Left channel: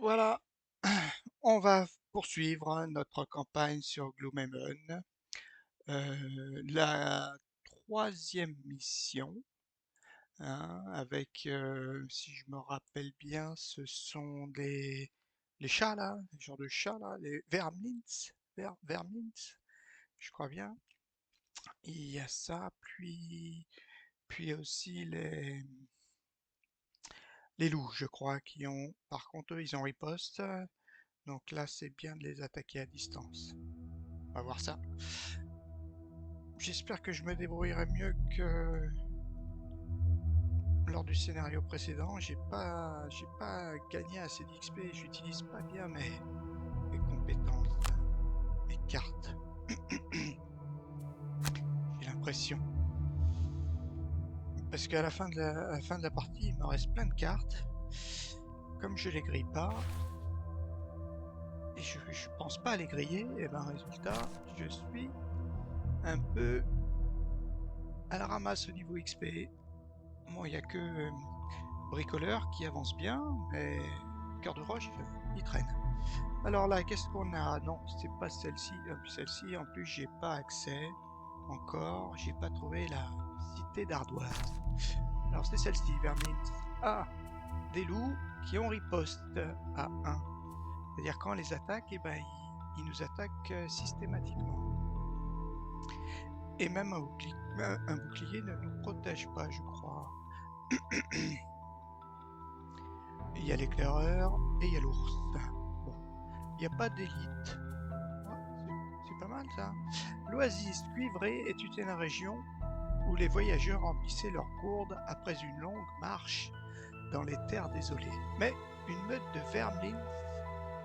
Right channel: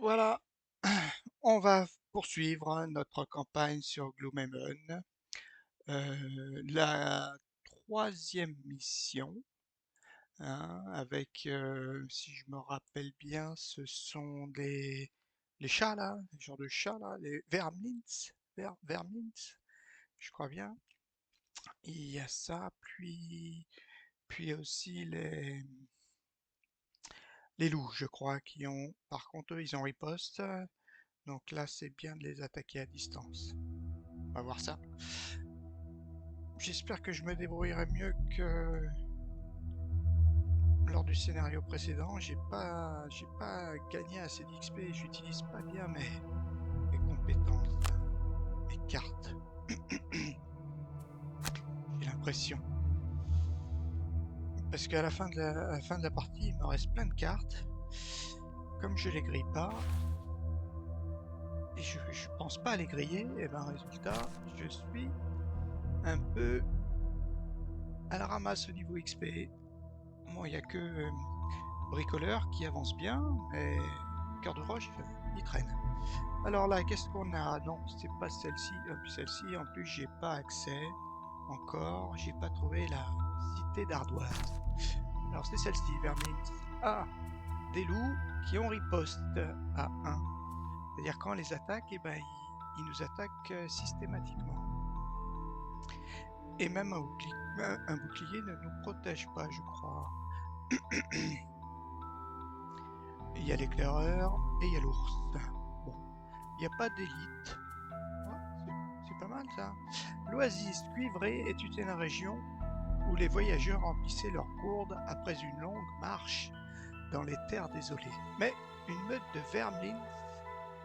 Voilà, on va poursuivre notre campagne sur Gloomhaven. La troisième mission, hein, avec, si je me rappelle bien, ce sont les chats là, les genres de chats là, les vermins, vermins, je crois bien. Il y a ça, puis aussi les loups, je crois, qui ont, par contre, eux, ils ont riposte. Donc là, c'est bien de les attaquer à distance. On va voir ça. J'espère que je me débrouillerai mieux que lors du scénario précédent. J'ai pas gagné assez d'XP. J'utilise pas bien mes compétences, mes cartes. J'ai l'impression. Parce qu'à à la fin de la partie, il me reste plein de cartes. Comme je les grille pas, et je pense pas à les griller, et ben résultat, je suis un peu à la ramasse au niveau XP. Bon, il y a que bricoleur qui avance bien, mais cœur de roche, il traîne. Alors là, qu'est-ce qu'on a? Non, c'est pas celle-ci. Celle-ci, en plus, j'ai pas accès encore. J'ai pas trouvé la cité d'Ardoise. Alors c'est celle-ci, Vermins. Ah, des loups qui ont riposte à 1. C'est-à-dire quand on les attaque, eh ben, ils nous attaquent systématiquement. Et même un bouclier ne nous protège pas, je crois. Il y a l'éclaireur et il y a l'ours. Bon, il n'y a pas d'élite. Ouais, c'est pas mal ça. L'oasis cuivrée est une région où les voyageurs remplissaient leurs gourdes après une longue marche dans les terres désolées. Mais une meute de vermlins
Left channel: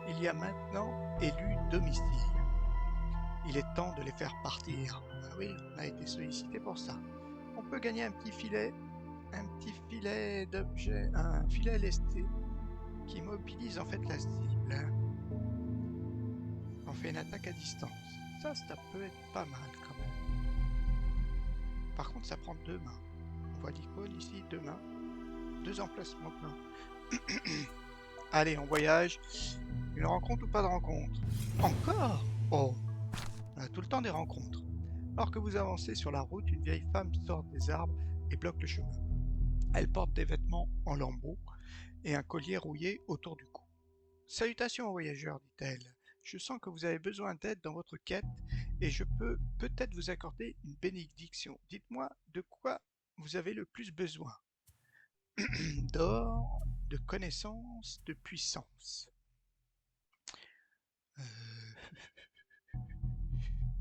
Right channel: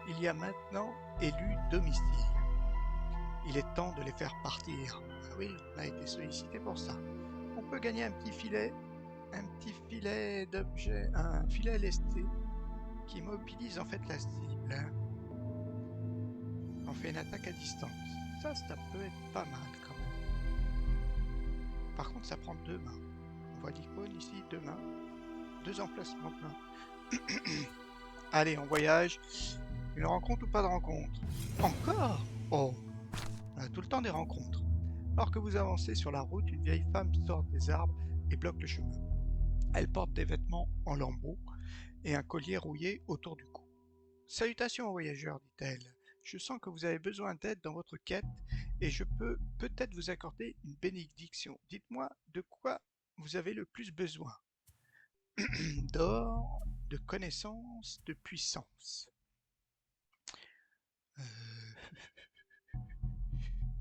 il y a maintenant élu domicile. Il est temps de les faire partir. Ah oui, on a été sollicité pour ça. On peut gagner un petit filet d'objets, un filet lesté qui mobilise en fait la cible. On fait une attaque à distance. Ça peut être pas mal quand même. Par contre, ça prend deux mains. On voit l'icône ici, deux mains. Deux emplacements de mains. Allez, on voyage. Une rencontre ou pas de rencontre? Encore? Oh, on a tout le temps des rencontres. Alors que vous avancez sur la route, une vieille femme sort des arbres et bloque le chemin. Elle porte des vêtements en lambeaux et un collier rouillé autour du cou. Salutations, voyageurs, dit-elle. Je sens que vous avez besoin d'aide dans votre quête et je peux peut-être vous accorder une bénédiction. Dites-moi de quoi vous avez le plus besoin. D'or, de connaissances, de puissance. Euh,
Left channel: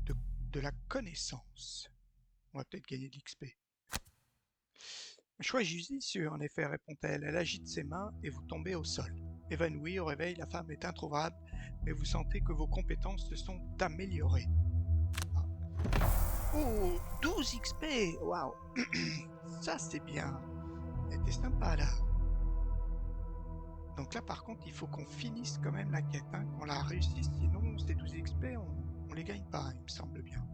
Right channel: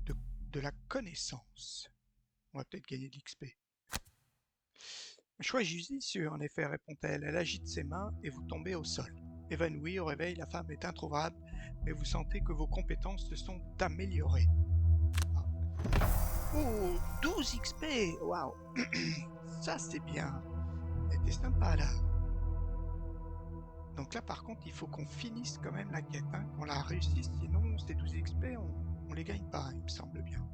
de, de la connaissance. On va peut-être gagner de l'XP. Choix judicieux, en effet, répond-elle. Elle agite ses mains et vous tombez au sol. Évanouie au réveil, la femme est introuvable, mais vous sentez que vos compétences se sont améliorées. Ah. Oh, 12 XP. Waouh. Ça, c'est bien. Elle était sympa, là. Donc là, par contre, il faut qu'on finisse quand même la quête, hein, qu'on la réussisse, sinon ces 12 XP, on les gagne pas, il me semble bien.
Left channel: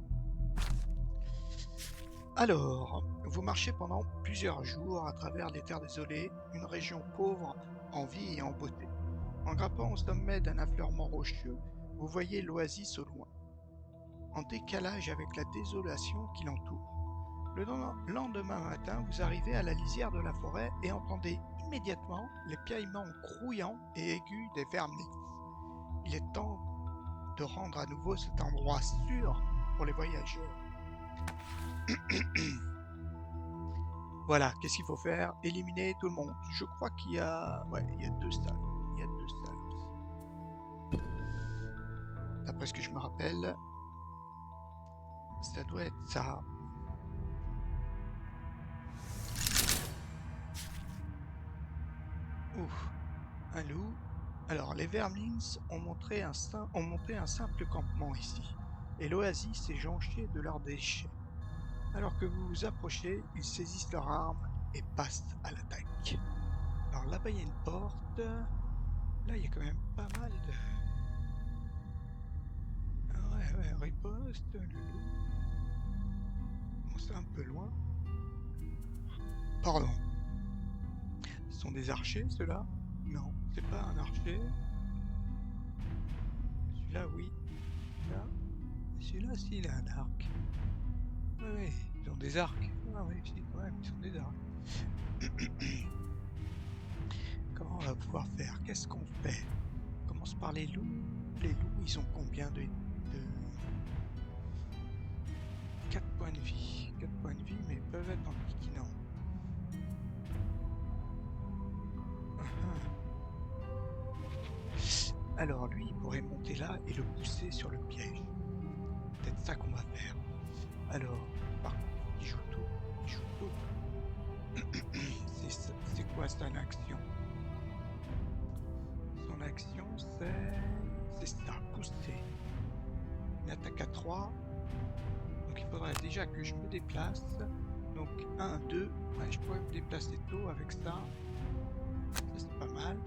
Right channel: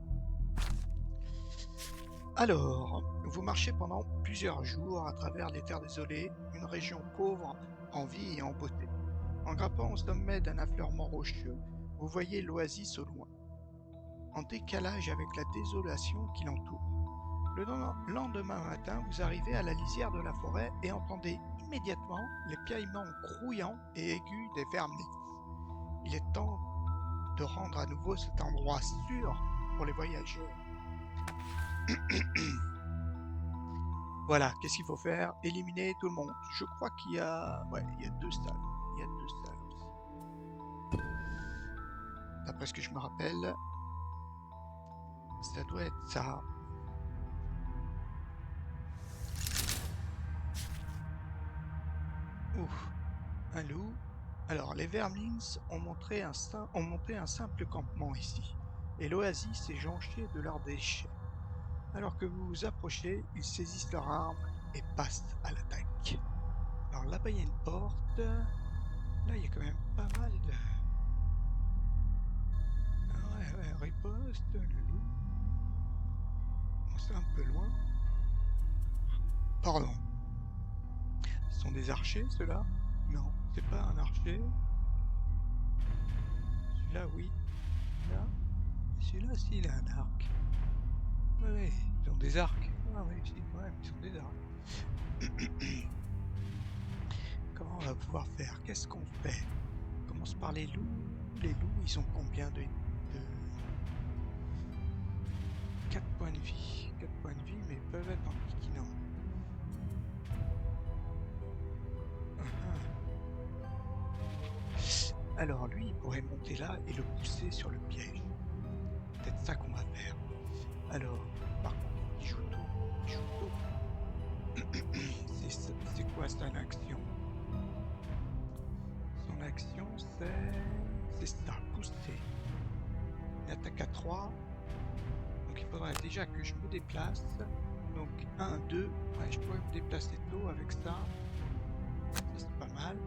Alors, vous marchez pendant plusieurs jours à travers les terres désolées, une région pauvre en vie et en beauté. En grimpant au sommet d'un affleurement rocheux, vous voyez l'oasis au loin, en décalage avec la désolation qui l'entoure. Le lendemain matin, vous arrivez à la lisière de la forêt et entendez immédiatement les piaillements grouillants et aigus des vermins. Il est temps de rendre à nouveau cet endroit sûr pour les voyageurs. Voilà, qu'est-ce qu'il faut faire? Éliminer tout le monde. Je crois qu'il y a... Ouais, il y a deux salles. Il y a deux salles aussi. D'après ce que je me rappelle, ça doit être ça. Ouf, un loup. Alors, les Vermlings ont monté un simple campement ici, et l'oasis est jonchée de leurs déchets. Alors que vous vous approchez, ils saisissent leurs armes et passent à l'attaque. Alors là-bas, il y a une porte. Là, il y a quand même pas mal de... Ah ouais, ouais, riposte, le loup. Bon, c'est un peu loin. Pardon. Ce sont des archers, ceux-là? Non, c'est pas un archer. Là, oui. Là, celui-là, si, il a un arc. Oui, oui, ils ont des arcs. Ah oui, si, quand même, ils ont des arcs. Comment on va pouvoir faire? Qu'est-ce qu'on fait? On commence par les loups. Les loups, ils ont combien de 4 points de vie. 4 points de vie, mais ils peuvent être en piquinant. Alors lui, il pourrait monter là et le pousser sur le piège. Peut-être ça qu'on va faire. Alors, par contre, il joue tôt. Il joue tôt. C'est quoi son action? Son action, c'est ça, pousser. Une attaque à 3. Donc il faudrait déjà que je me déplace. Donc 1, 2. Ouais, je pourrais me déplacer tôt avec ça. Ça, c'est pas mal.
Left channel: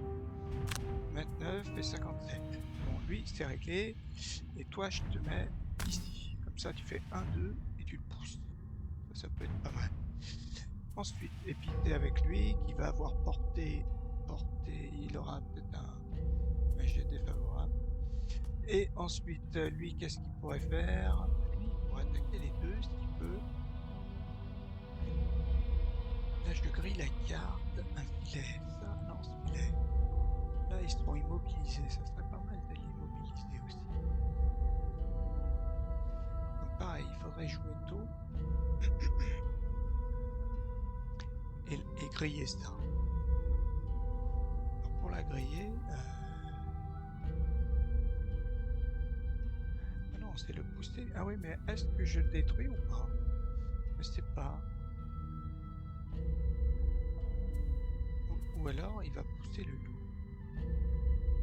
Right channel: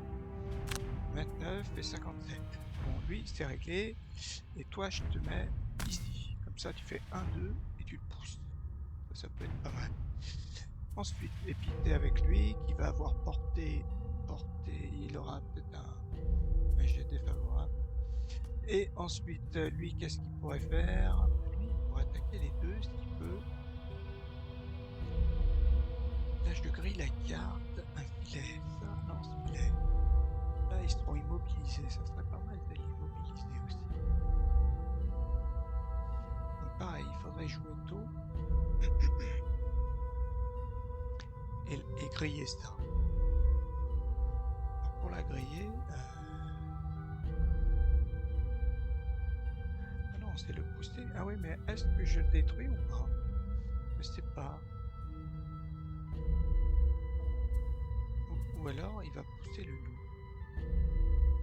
29 et 57. Bon, lui, c'est réglé. Et toi, je te mets ici. Comme ça, tu fais 1, 2 et tu le pousses. Ça peut être pas mal. Ensuite, épité avec lui, qui va avoir porté. Il aura peut-être un jet défavorable. Et ensuite, lui, qu'est-ce qu'il pourrait faire? Lui, il pourrait attaquer les deux s'il peut. Là, je grille la carte. Un filet. Ça, non, ce filet. Là, ils seront immobilisés. Ça serait pas mal de l'immobiliser aussi. Donc, pareil, il faudrait jouer tôt. et griller ça. Alors, pour la griller... Ah non, c'est le pousser. Ah oui, mais est-ce que je le détruis ou pas? Je sais pas. Ou alors, il va pousser le loup.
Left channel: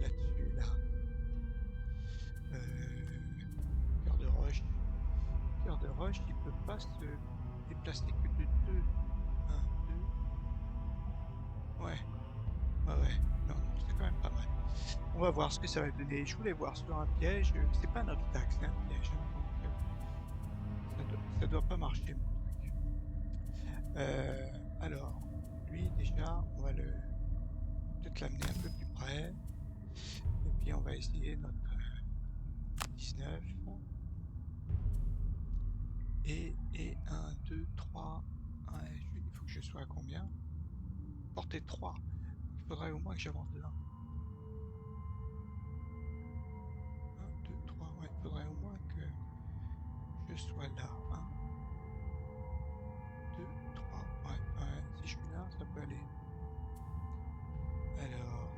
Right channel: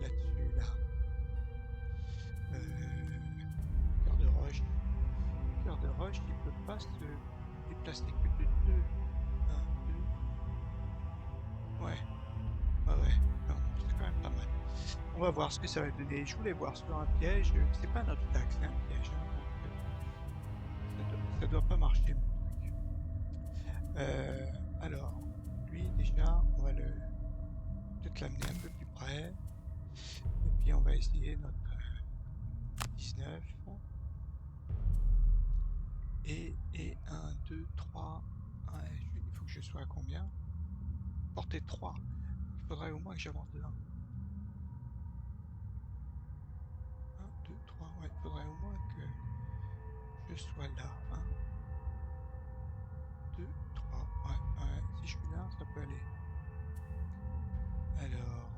Là-dessus, là. Cœur de roche. Cœur de roche, il peut pas se déplacer que de 2. 1, 2. Ouais. Ouais. Non, c'est quand même pas mal. On va voir ce que ça va donner. Je voulais voir sur un piège. C'est pas un obstacle, c'est un piège. Hein, donc, ça doit pas marcher, mon truc. Alors, lui, déjà, on va peut-être l'amener un peu plus près. Et puis, on va essayer notre 19. Et 1, 2, 3. Il faut que je sois à combien? Portée 3. Il faudrait au moins que j'avance de 1. 1, 2, 3. Ouais, il faudrait au moins que je sois là. 1, 2, 3. Ouais. Si je suis là, ça peut aller. Alors...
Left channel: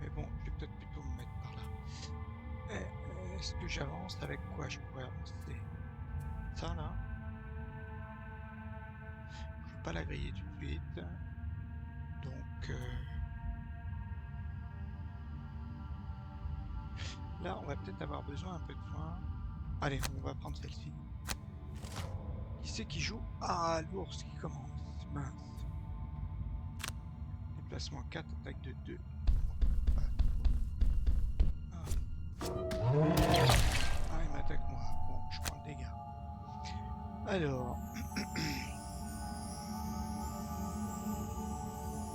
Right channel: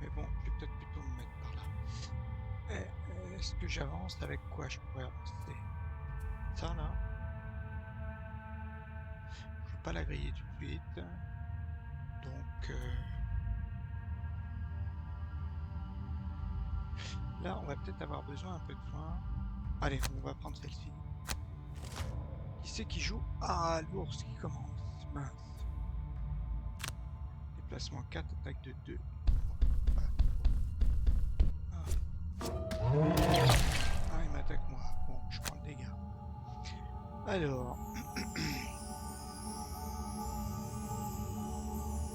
Mais bon, je vais peut-être plutôt me mettre par là. Est-ce que j'avance? Avec quoi je pourrais avancer? Ça, là. Je vais pas la griller tout de suite. Donc... Là, on va peut-être avoir besoin un peu de soin. Allez, on va prendre celle-ci. Qui c'est qui joue? Ah, l'ours qui commence. Mince. Déplacement 4, attaque de 2. Ah, il m'attaque moi. Bon, je prends le dégât. Alors...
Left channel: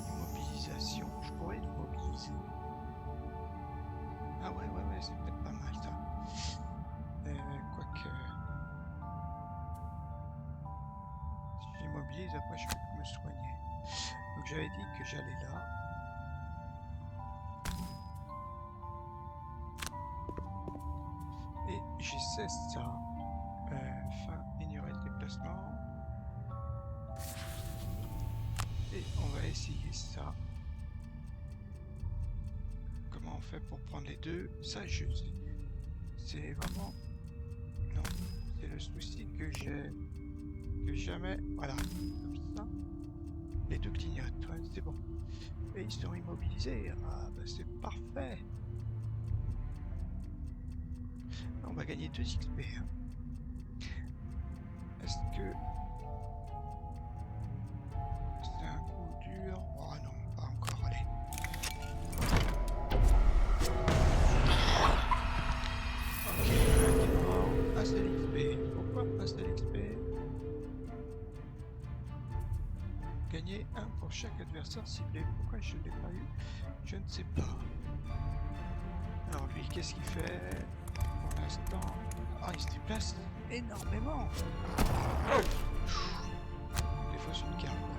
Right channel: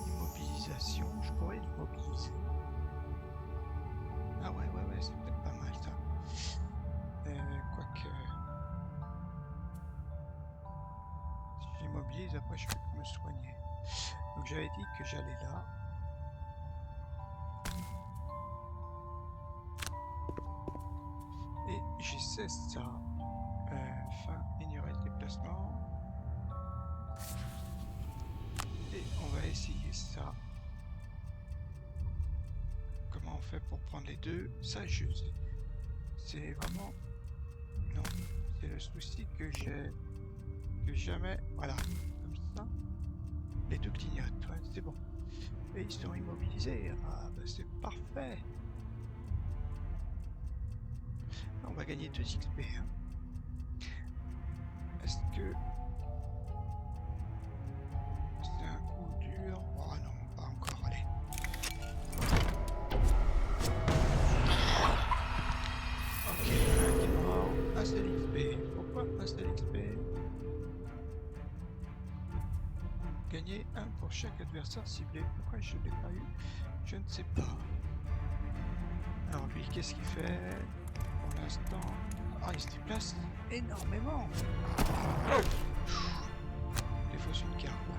Immobilisation. Je pourrais l'immobiliser. Ah ouais, c'est peut-être pas mal ça. Quoique... Si j'immobilise, après je peux me soigner. Donc j'avais dit que j'allais là. Et j'essaie ça. Fin, ignorer le déplacement. Et on va essayer ça. Comment on fait pour prendre les deux? Ça, je sais. C'est vraiment... Non, c'est le souci que j'ai... Que jamais... Voilà, comme ça. Les deux clignotent, ouais, c'est bon. Et ils sont immobilisés. Ah, bah c'est parfait. On va gagner 2 XP. Hein. Est-ce que... C'est un coup dur? Oh non, pas encore, allez. Ok, il y en a un qui est mort. Un seul XP. Pourquoi un seul XP? Gagner 1 pour chaque adversaire ciblé. Pourquoi je ne l'ai pas eu? Je ne sais pas. Alors lui, qu'est-ce qu'il fait pour l'instant? Ah, il se déplace énormément. Il défausse une carte là.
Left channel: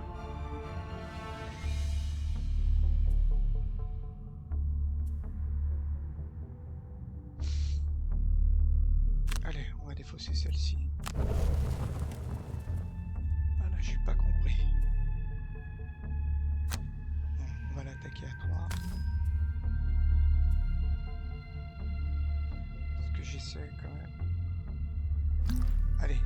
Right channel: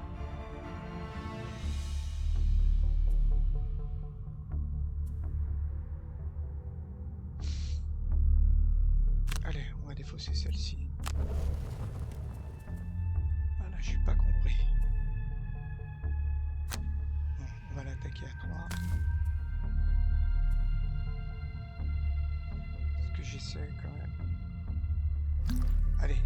Allez, on va défausser celle-ci. Ah là, j'ai pas compris. Bon, on va l'attaquer à 3. Est-ce que j'essaie quand même? Allez.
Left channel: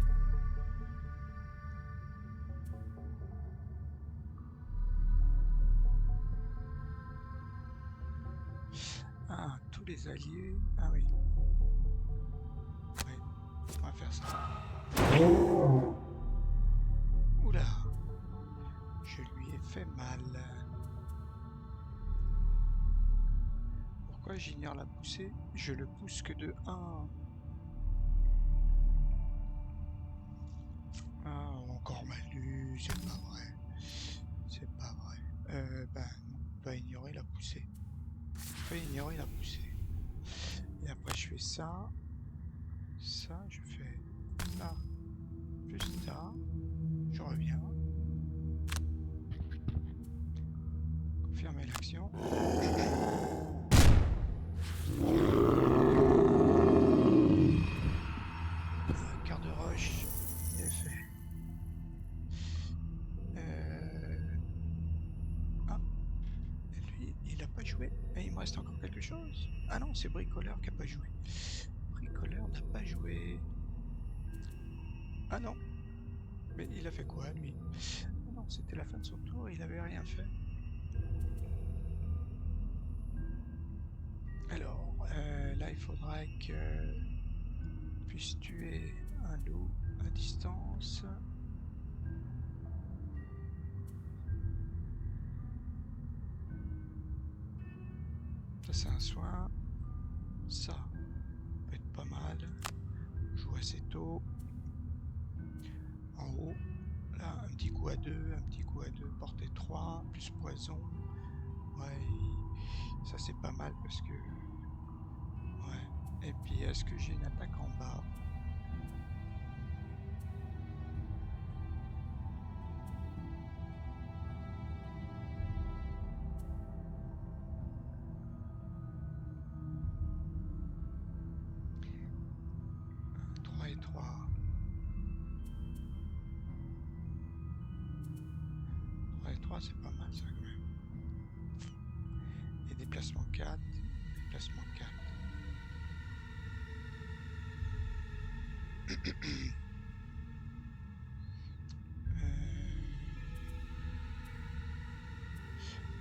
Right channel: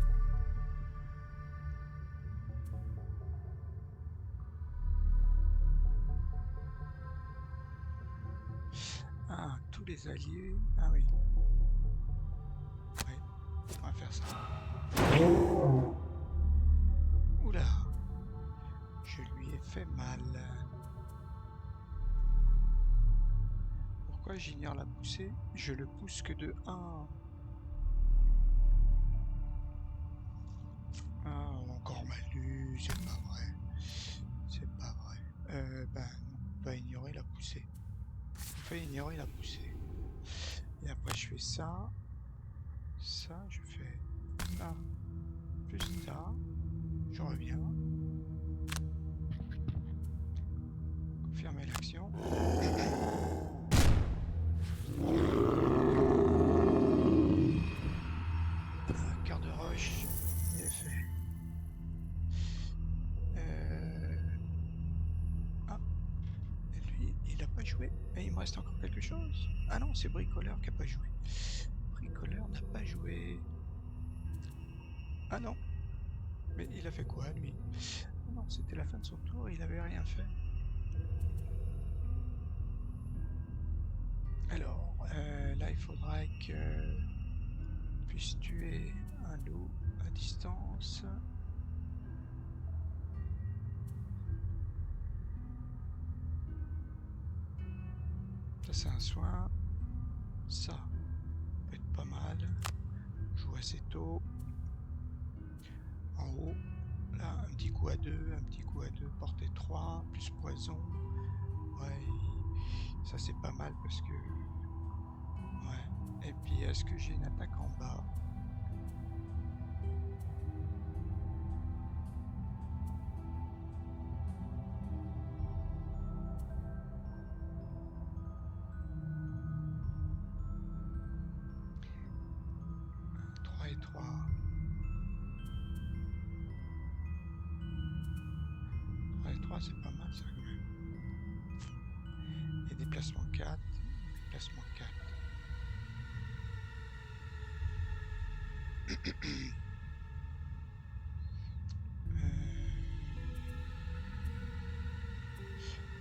Ah, tous les alliés. Ah oui. Ouais, on va faire ça. Oula. Je lui ai fait mal. Pourquoi j'ignore la poussée? Je le pousse que de 1. Ah, encore Manu, c'est pas vrai. C'est pas vrai. Ben non, on va ignorer la poussée. On va ignorer la poussée. Et après je fais ça. Ça, je fais ça. Plus ça. Je reviens. Confirmer l'action. Quart de roche. Il est fait. Ah. Et lui, il n'a pas joué. Et il me reste encore quelque chose. Ah non, c'est Bricoleur qui n'a pas joué. Bricoleur n'a pas joué. Ah non. Mais il a fait quoi, lui? Ah non, c'était la fin de son tour, il avait rien fait. Alors, là, il faudra que puisse tuer un loup à distance. Ça, c'est un soin. Ça peut être pas mal. On joue assez tôt. En haut, là, un petit coup à 2, un petit coup à 2, portée 3, plus poison. Ouais, ça c'est pas mal parce que... Ouais. Et puis, est-ce que j'ai une attaque en bas? Et 3. 3 et 3, c'est pas mal ça quand même. Et déplacement 4. Déplacement 4.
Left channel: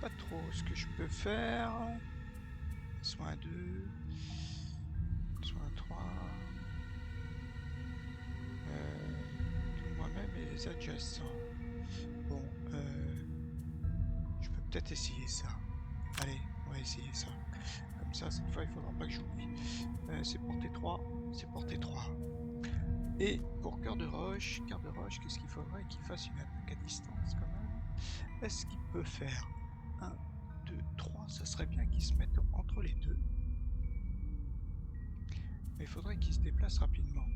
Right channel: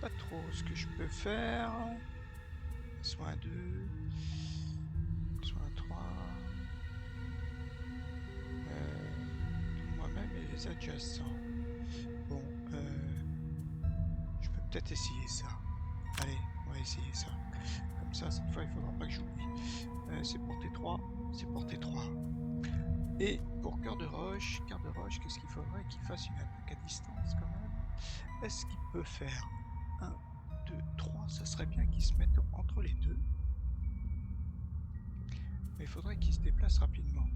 Pas trop ce que je peux faire. Soin 2. Soin 3. Tout moi-même et les adjacents. Bon, je peux peut-être essayer ça. Allez, on va essayer ça. Comme ça, cette fois, il faudra pas que j'oublie. C'est portée 3. C'est portée 3. Et pour cœur de roche, qu'est-ce qu'il faudrait qu'il fasse une attaque à distance quand même? Est-ce qu'il peut faire 1, 2, 3? Ça serait bien qu'il se mette entre les deux. Mais il faudrait qu'il se déplace rapidement.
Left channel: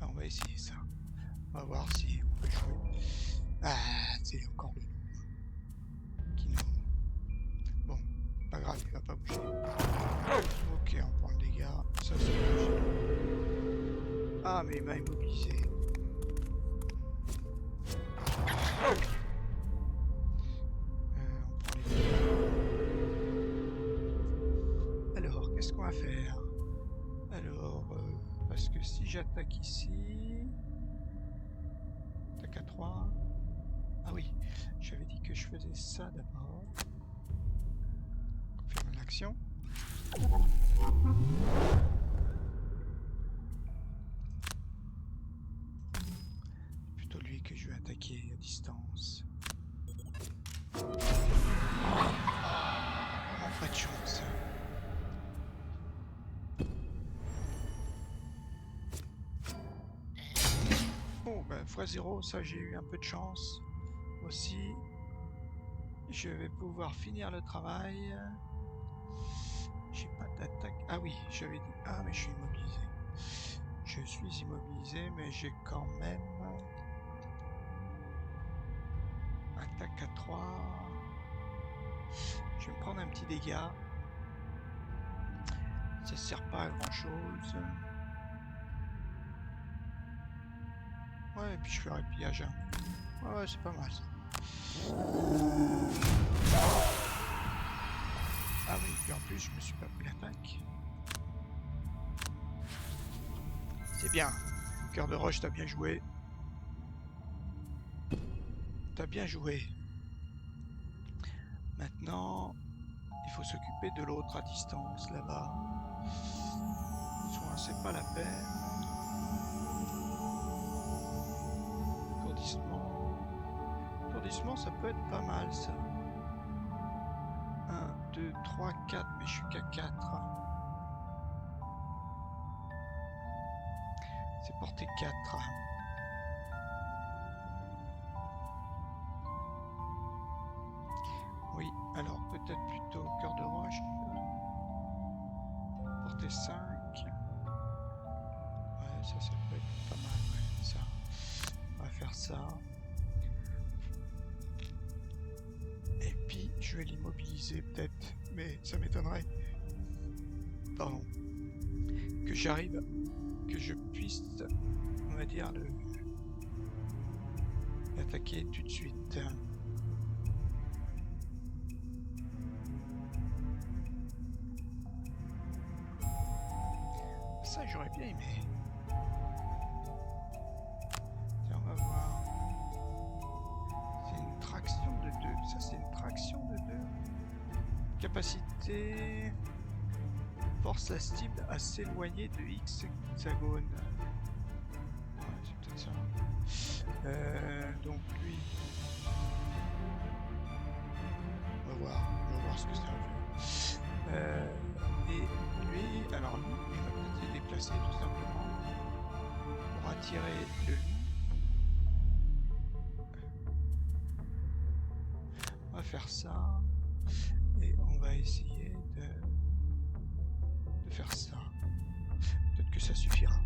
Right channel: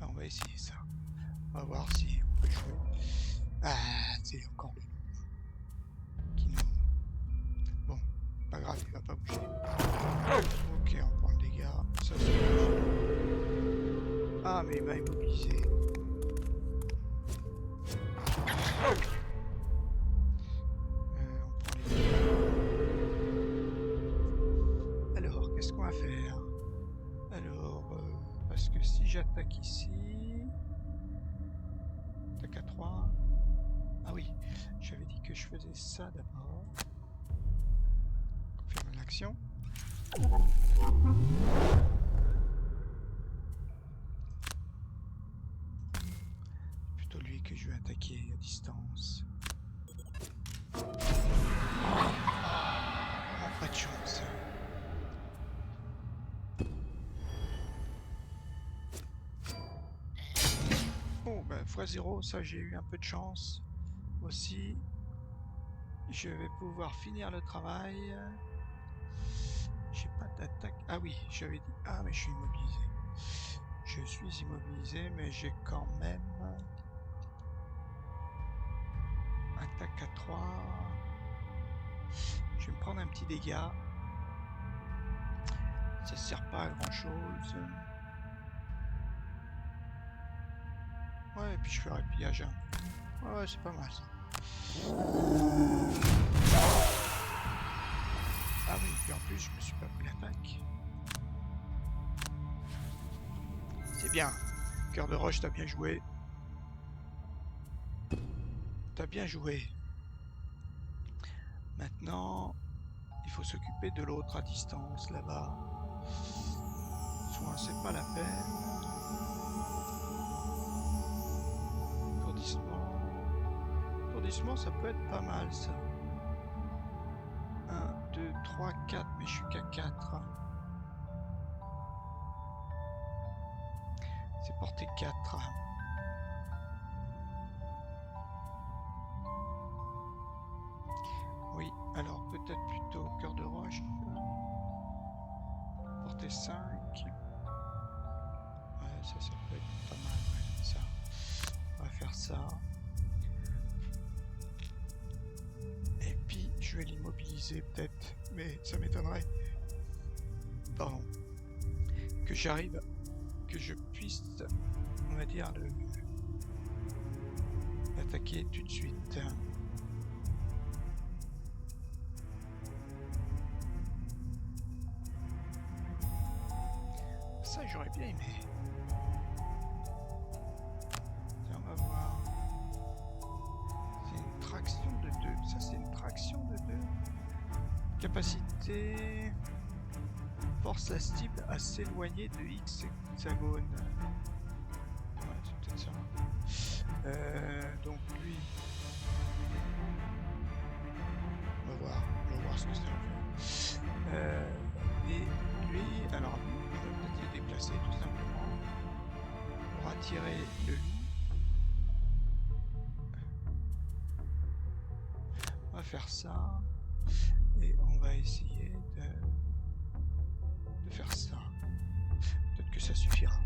Ben, on va essayer ça. On va voir si on peut jouer. Ah, c'est encore le loup qui nous... Bon, pas grave, il va pas bouger. Ok, on prend le dégât. Ça, c'est bouge. Ah, mais il m'a immobilisé. On prend les dégâts. Alors, qu'est-ce qu'on va faire? Alors, parce que si j'attaque ici... Attaque à 3... Ah oui, j'avais dit que je faisais ça d'abord. Confirme l'action. Plutôt lui que je vais attaquer à distance. Vraiment pas de chance. Bon, ben x0, ça j'ai eu un peu de chance aussi. Je vais pouvoir finir le travail. J'ai pas d'attaque. Ah oui, j'avais dit. Ah, mais je suis immobilisé. Je suis immobilisé, mais j'ai quand même attaque à 3. Je vais me prendre un petit dégât. Ça sert pas à grand chose. Ouais, et puis je fais un pillage. Ouais, c'est pas mal ça. Ah oui, puis en plus je me suis pas pris l'attaque. C'est bien. Cœur de roche, t'as bien joué. T'as bien joué. Maintenant, il faut s'occuper de l'autre à distance là-bas. Soin, c'est pas la peine. Étourdissement. Étourdissement, ça peut être pas mal ça. 1, 2, 3, 4, mais je suis qu'à 4. C'est porté 4. Oui, alors peut-être plutôt cœur de roche. Porté 5. Ouais, ça peut être pas mal. Ouais, ça. On va faire ça. Et puis, je vais l'immobiliser peut-être. Mais ça m'étonnerait. Pardon. Que j'arrive, que je puisse, on va dire, l'attaquer tout de suite. Ça, j'aurais bien aimé. Tiens, on va voir. C'est une traction de 2. Ça, c'est une traction de 2. Capacité... Force la cible à s'éloigner de X hexagone. Ouais, c'est peut-être ça. Donc lui... on va voir ce que ça va faire. Et lui, alors lui, il va peut-être se déplacer tout simplement pour attirer le loup. On va faire ça et on va essayer de faire ça. Peut-être que ça suffira.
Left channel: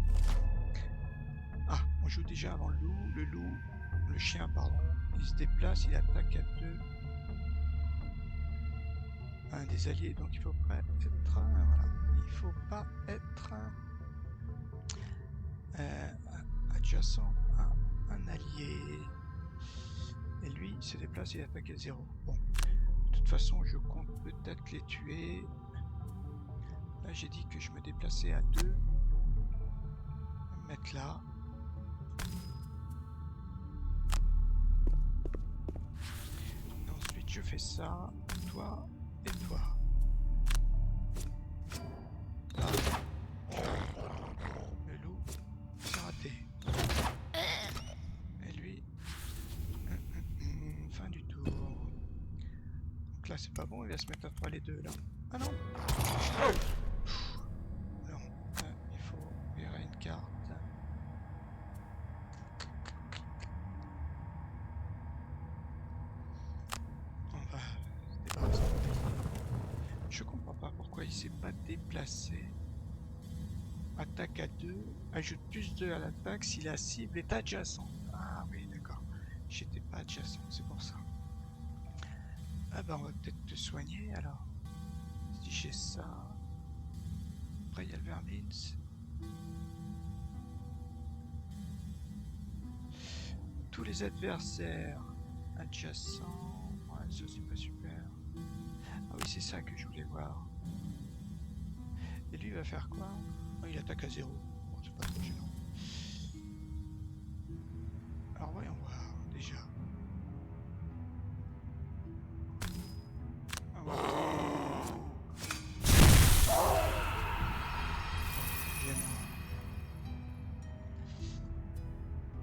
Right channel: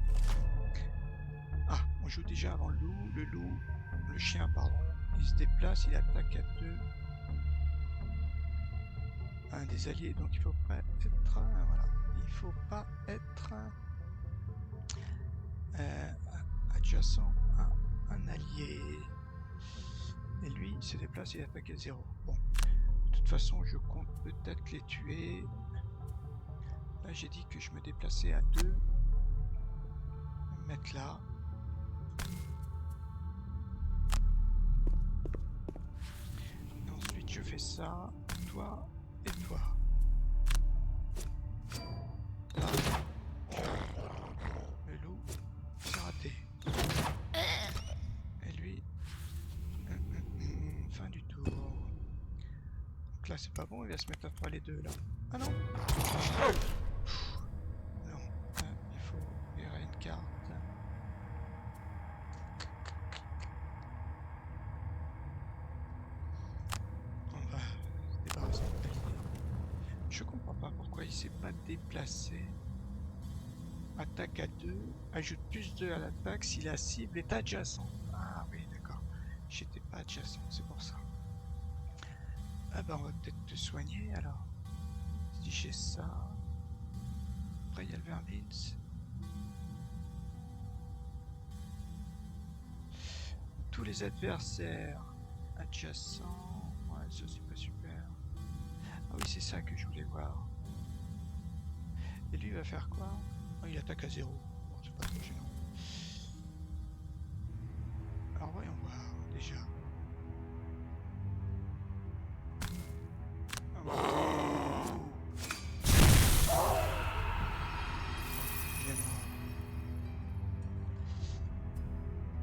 Ah, on joue déjà avant le loup. Le chien, pardon. Il se déplace, il attaque à 2. Un des alliés, donc il faut pas être... voilà. Il faut pas être adjacent à un allié. Et lui, il se déplace, il attaque à 0. Bon. De toute façon, je compte peut-être les tuer. Là, j'ai dit que je me déplaçais à 2. Je vais me mettre là. Et ensuite, je fais ça. Toi et toi. Là. Le loup, c'est raté. Et lui... fin du tour. Donc là, c'est pas bon, il va se mettre à 3 les deux, là. Ah non. Non, il faut virer une carte. On va se débarrasser. Je comprends pas pourquoi il s'est pas déplacé. Attaque à 2, ajoute plus 2 à l'attaque si la cible est adjacente. Ah oui, d'accord. J'étais pas adjacent, c'est pour ça. Ah bah on va peut-être te soigner alors. Si j'ai ça. Après il y a le vermins. Tous les adversaires adjacents. Ouais, ça c'est pas super. Ah oui, c'est ça que je voulais voir. Et lui il va faire quoi? Oh, il attaque à 0. Bon, c'est pas trop gênant. Alors voyons voir déjà. Ah, voilà.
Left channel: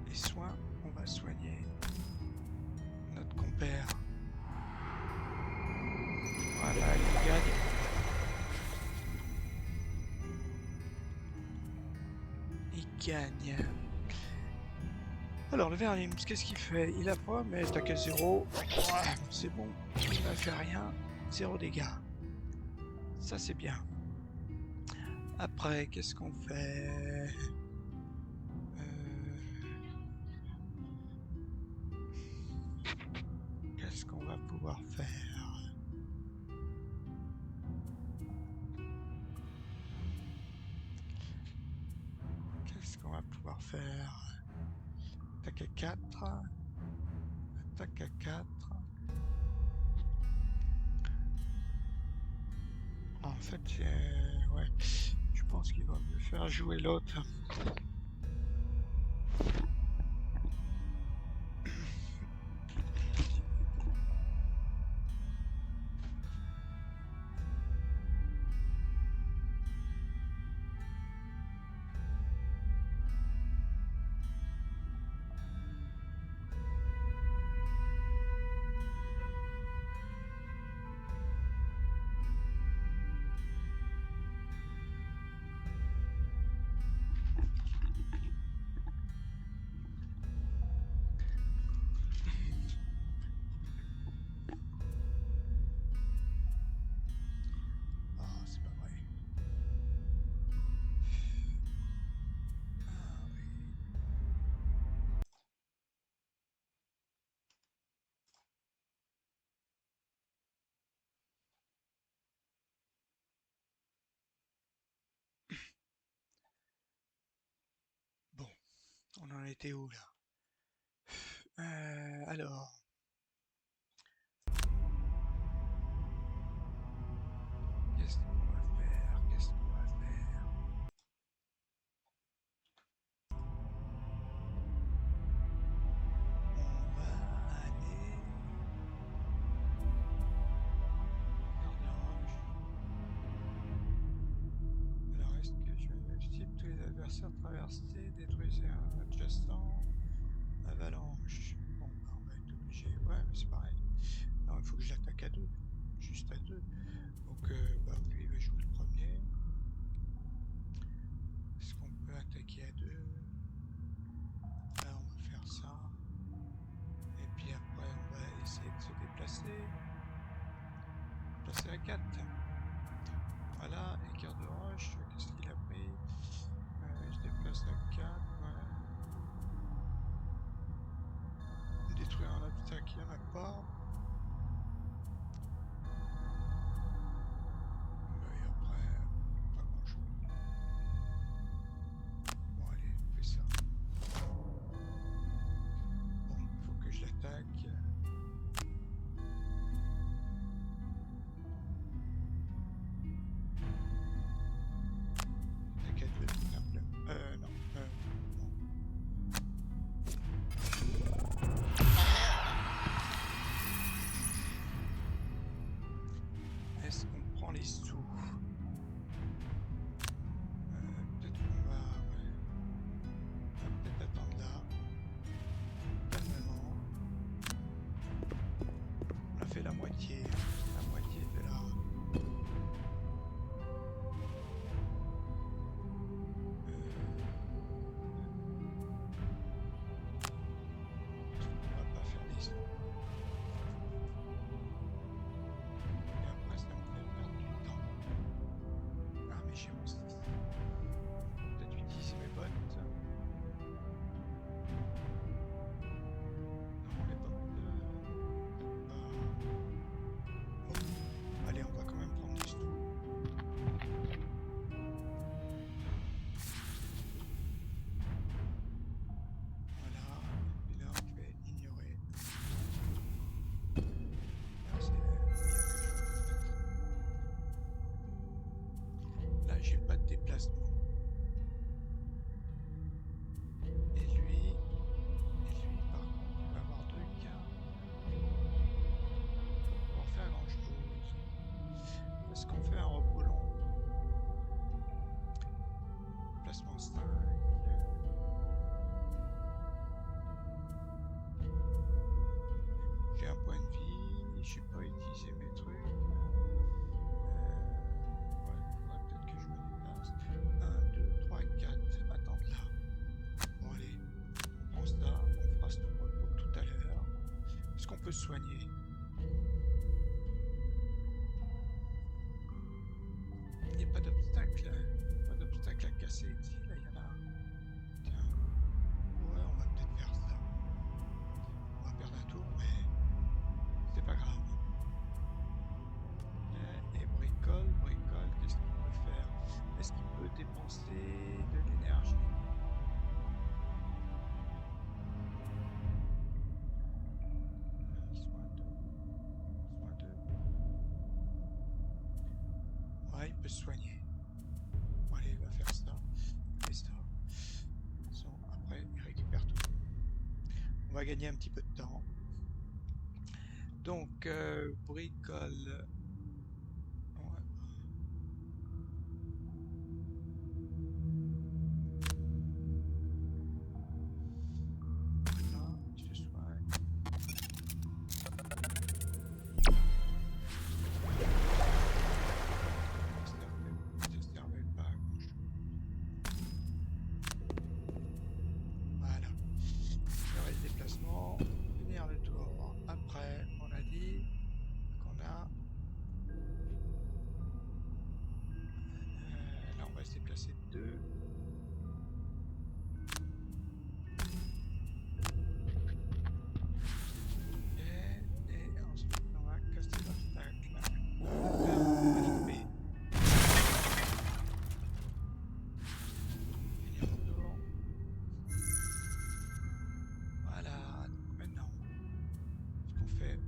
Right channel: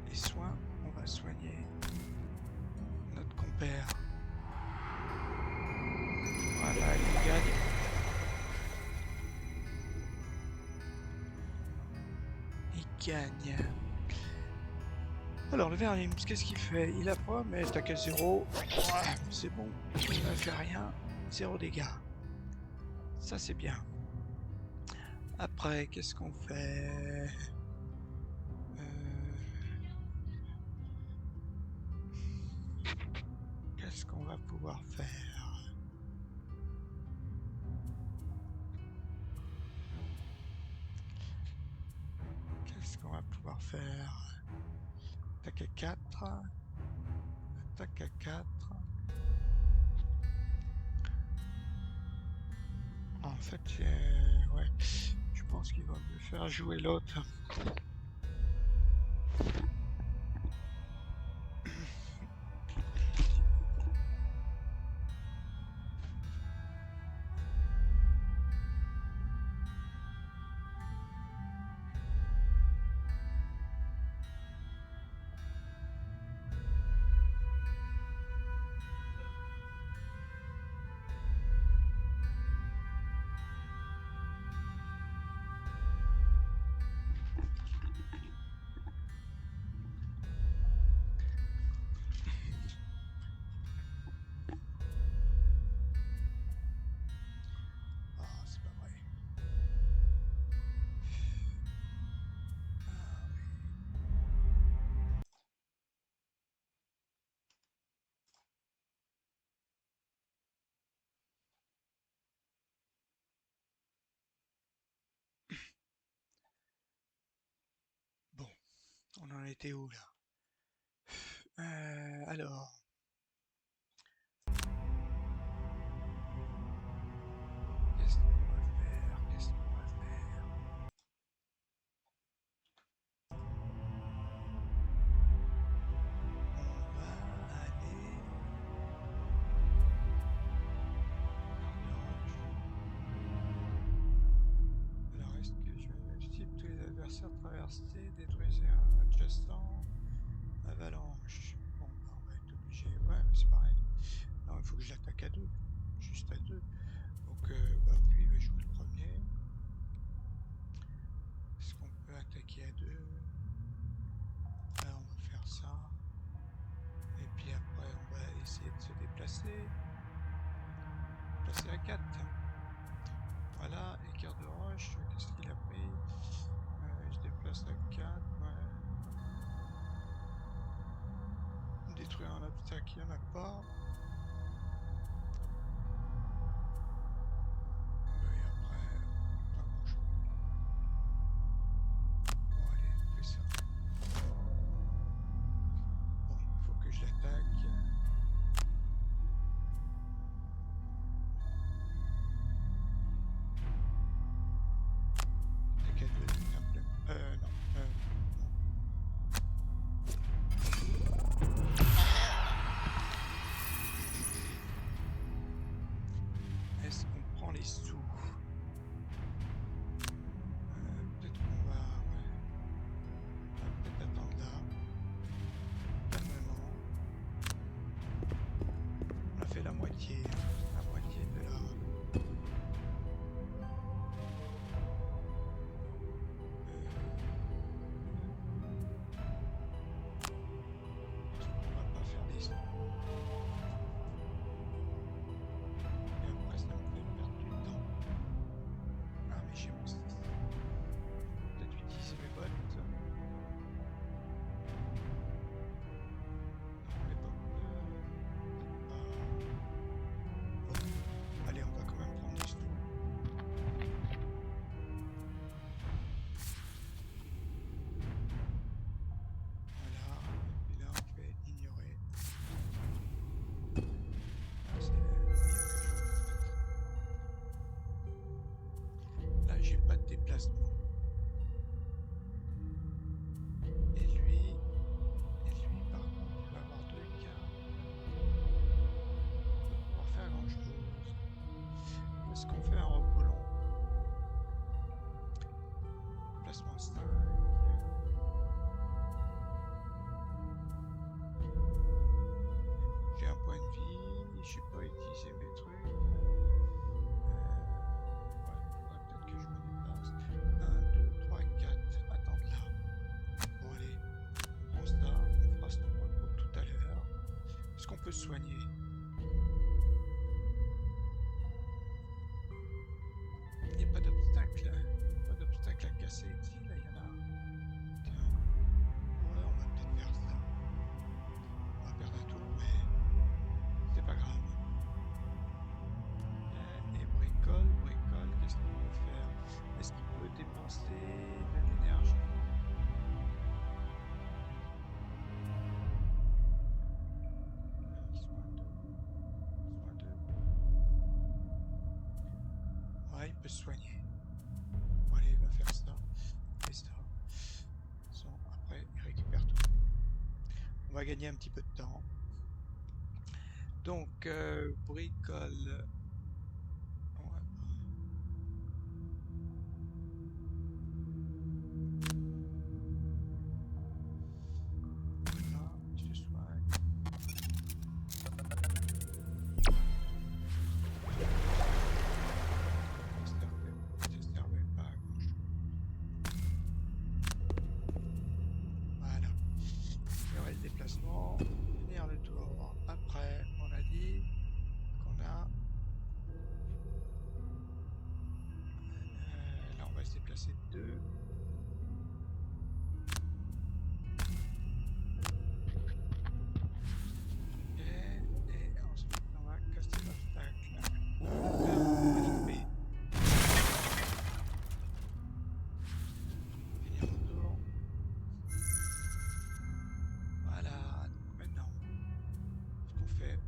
Les soins, on va soigner notre compère. Voilà, il gagne. Il gagne. Alors le Verlims, qu'est-ce qu'il fait? Il apprend, mais attaque à 0. Ouais, c'est bon, il ne fait rien. 0 dégâts. Ça c'est bien. Après, qu'est-ce qu'on fait? Qu'est-ce qu'on va pouvoir faire? Qu'est-ce qu'on va pouvoir faire? Attaque à 4. Attaque à 4. En fait, ouais. Je pense qu'il va me faire jouer l'autre. Ah, c'est pas vrai. Ah oui. Bon, on en était où là? Alors, qu'est-ce qu'on va faire? Qu'est-ce qu'on va faire? On va aller garde-roche. Alors, est-ce que je cible tous les adversaires traversés, détruisez un adjacent, avalanche. Bon, bah, on va être obligé. Ouais, mais c'est pareil. Non, il faut que je l'attaque à deux. Juste à deux. Donc, bah, lui, il va jouer le premier. Est-ce qu'on peut attaquer à deux? Là, on va faire ça. Et puis après, on va essayer de se déplacer. Passer à 4. Voilà, écart de roche. Qu'est-ce qu'il a pris? Il se déplace à 4. Ouais. Détruire un obstacle, il n'y en a pas. Et après, pas grand chose. Bon, allez, on fait ça. Bon, il faut que je l'attaque. Attaque à 2, simplement. Non. Non. Est-ce qu'on prend les sous? Peut-être qu'on va... Ouais. On va peut-être attendre là. Calmement. On a fait la moitié. La moitié de la... On va pas faire les sous. Et après, ça me fait perdre du temps. Ah, mais j'ai mon 6. Peut-être utiliser mes bottes. Non, les bottes. Bon. Allez, on va quand même prendre des sous. Voilà. Et là, on fait ignorer. Ah, c'est le meilleur que je fasse. Là, j'ai pas de déplacement. Et lui, par contre, il va avoir 2 cartes. Il va pouvoir faire grand chose. Est-ce qu'on fait un repos long? Placement 5. J'ai un point de vie. J'ai pas utilisé mes trucs. Ouais, faudrait peut-être que je me déplace. 1, 2, 3, 4. Attendre là. Bon, allez. On prend ça. On fera ce repos tout à l'heure. Est-ce qu'on peut se soigner? Il n'y a pas d'obstacle. Pas déplacer ici, là il y en a. Tiens. Ouais, on va peut-être faire ça. On va perdre un tour, mais c'est pas grave. Ok, et bricole, bricole, qu'est-ce qu'il peut faire? Est-ce qu'il peut dépenser de l'énergie? Soin 2. Soin 2. Ouais, il peut se soigner. Bon, allez, il va faire ça. Et ça. Après, il récupère tout. On va gagner un petit peu de temps. Donc, bricole. Ouais. Voilà, il se soigne. Ça servait pas à grand chose. Voilà. Le déplacement. Finir le tour. Après, on a dit qu'on a. Là, on va se déplacer de 2. Et ensuite, on va casser l'obstacle. Finir mon tour. Voilà. Donc maintenant, ce qu'on fait,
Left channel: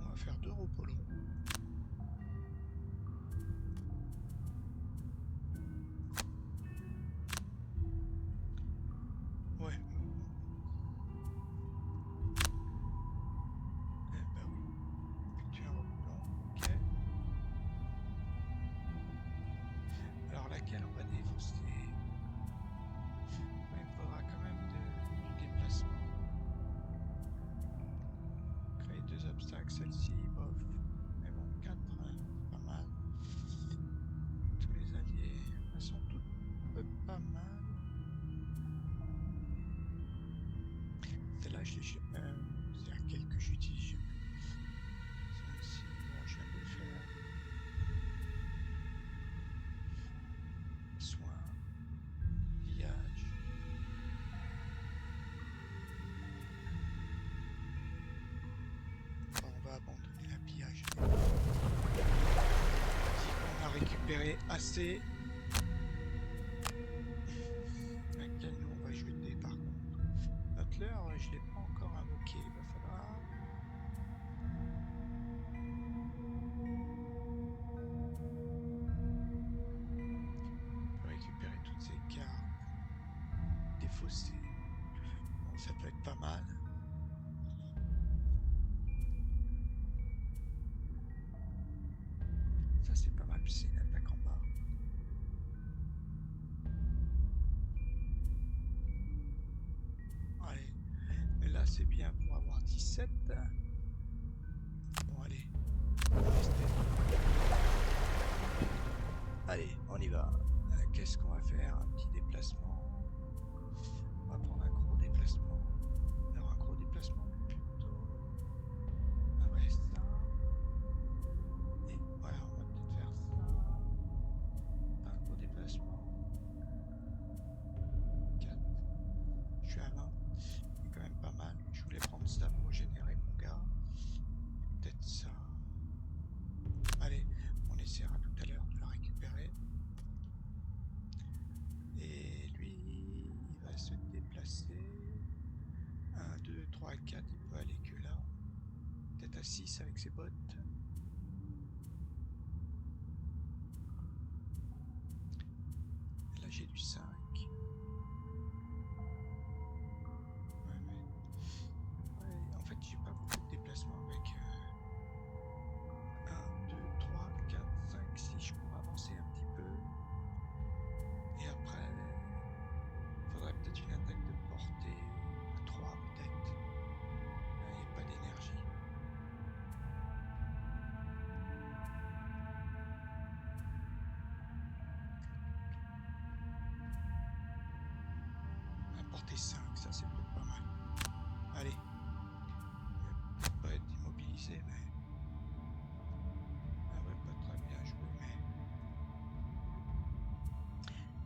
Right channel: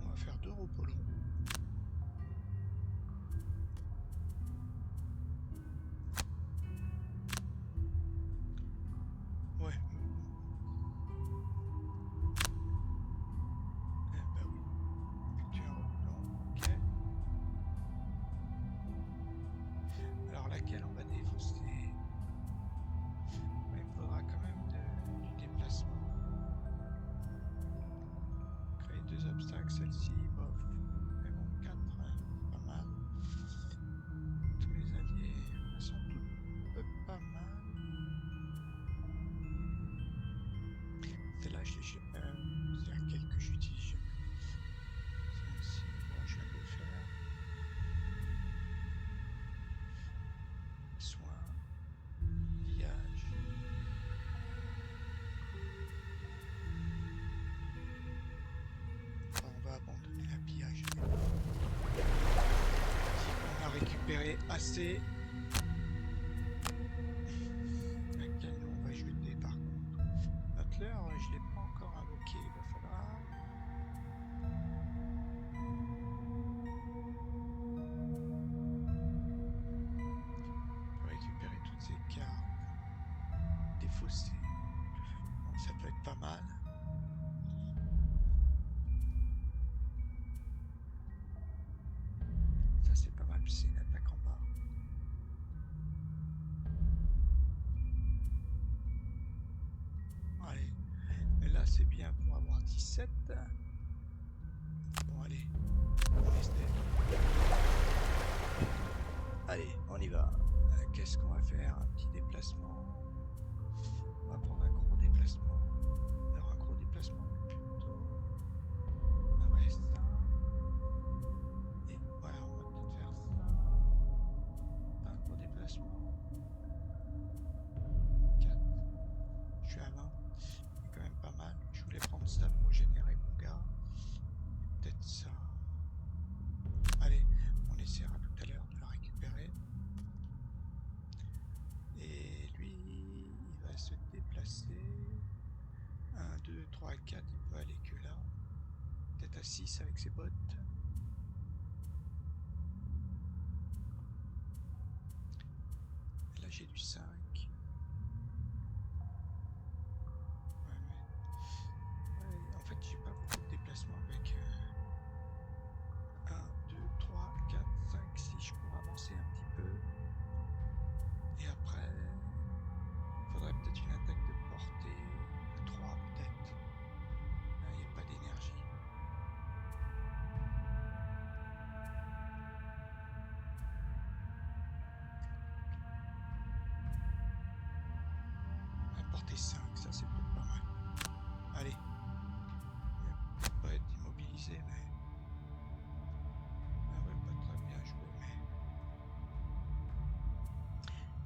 on va faire 2 repos longs. Ouais. Bah oui. Effectuer un repos long. Ok. Alors laquelle on va défausser? Il me faudra quand même du déplacement. Créer 2 obstacles, celle-ci, bof. Mais bon, 4, hein, pas mal. Tous les alliés, elles sont toutes pas mal. Celle-là, c'est laquelle que j'utilise jamais. Celle-ci, bon, je viens de le faire. Soin, pillage. Bon, on va abandonner la pillage. On a récupéré assez. Laquelle nous on va jeter par contre. Butler, je ne l'ai pas encore invoqué. Il va falloir. On peut récupérer toutes ces cartes. Défausser. Bon, ça peut être pas mal. Ça c'est pas mal, puis c'est une attaque en bas. Allez. Et là c'est bien pour avoir 17. Bon allez. Allez, on y va. Qu'est-ce qu'on va faire? Un petit déplacement. On va prendre un gros déplacement. Alors un gros déplacement plutôt. Ah ouais, ça. Et voilà, on va peut-être faire ça. Un gros déplacement. 4. Je suis à 20. C'est quand même pas mal. Je voulais prendre ça pour générer mon gars. Et peut-être ça. Allez, on essaiera tout à l'heure de la récupérer. Et lui, il va se déplacer. 1, 2, 3, 4, il peut aller que là. Peut-être à 6 avec ses bottes. Là j'ai du 5. Ouais, en fait j'ai pas beaucoup de déplacements avec 1, 2, 3, 4, 5, 6. Je pourrais avancer un petit peu. Et après, il faudrait peut-être une attaque de portée à 3 peut-être. Il n'y a pas d'énergie. Portée 5, ça c'est peut-être pas mal. Allez. Il va peut-être pas être immobilisé, mais. Ah ouais, pas très bien joué, mais.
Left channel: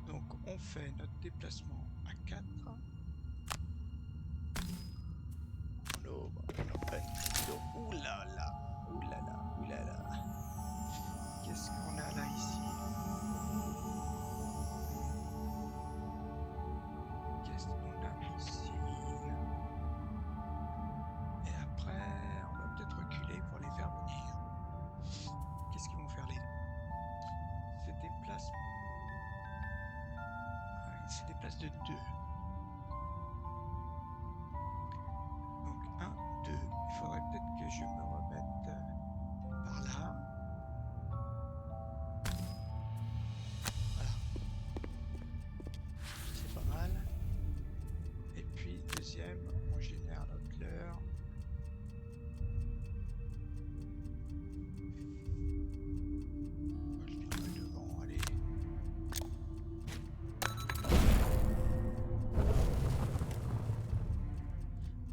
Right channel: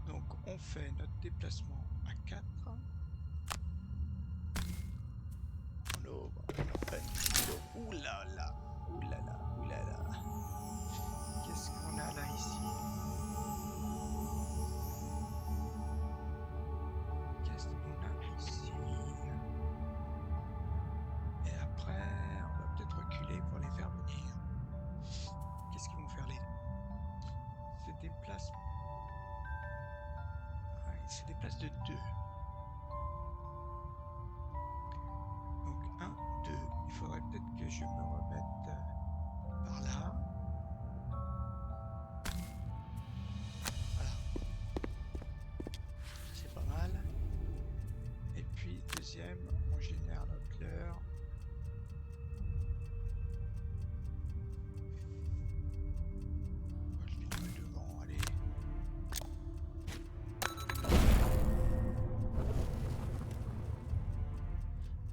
Donc on On fait notre déplacement à 4. On ouvre, on prenne l'eau. Ouh là là, ouh là là, ouh là là. Qu'est-ce qu'on a là ici? Qu'est-ce qu'on a ici? Et après, on va peut-être reculer pour les faire venir. Qu'est-ce qu'ils vont faire les deux? Se déplacent. Ah, ils se déplacent de 2. Donc 1, 2. Il faudrait peut-être que je me remette par là. Voilà. C'est pas mal. Et puis deuxième, on génère notre leurre. Je les mets devant, allez.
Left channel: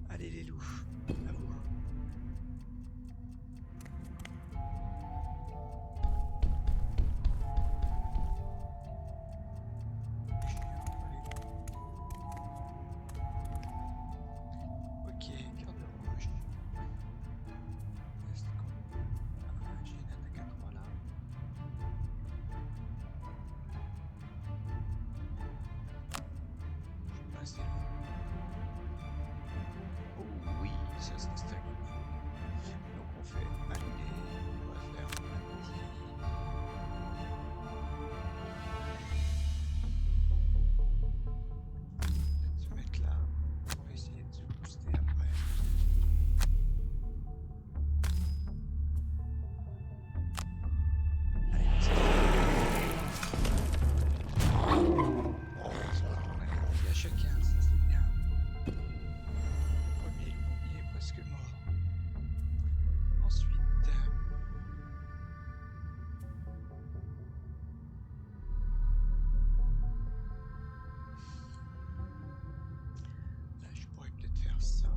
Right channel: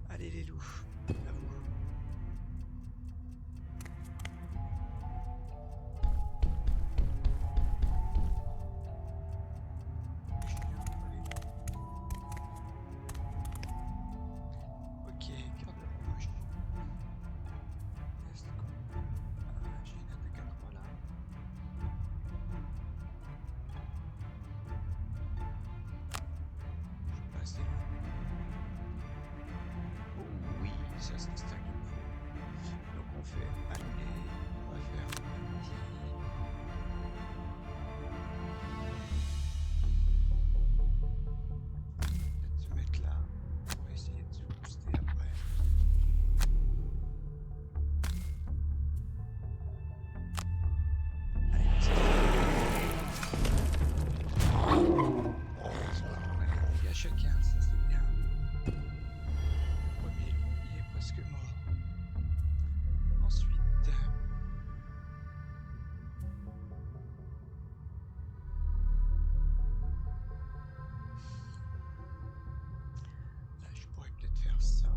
Allez les loups, à vous. Ok, cœur de roche. Est-ce qu'on... Ah, j'ai une attaque à 3 là. Je suis pas assez loin. Oh oui, ça c'est ça qu'il me faut. Donc on fait annuler. On va faire un petit... Peut-être se mettre là. On va essayer de se booster après. Allez, on a confié à chacun, ça c'est bien. Le premier loup, il est presque mort. Ensuite, là je pourrais peut-être faire ça.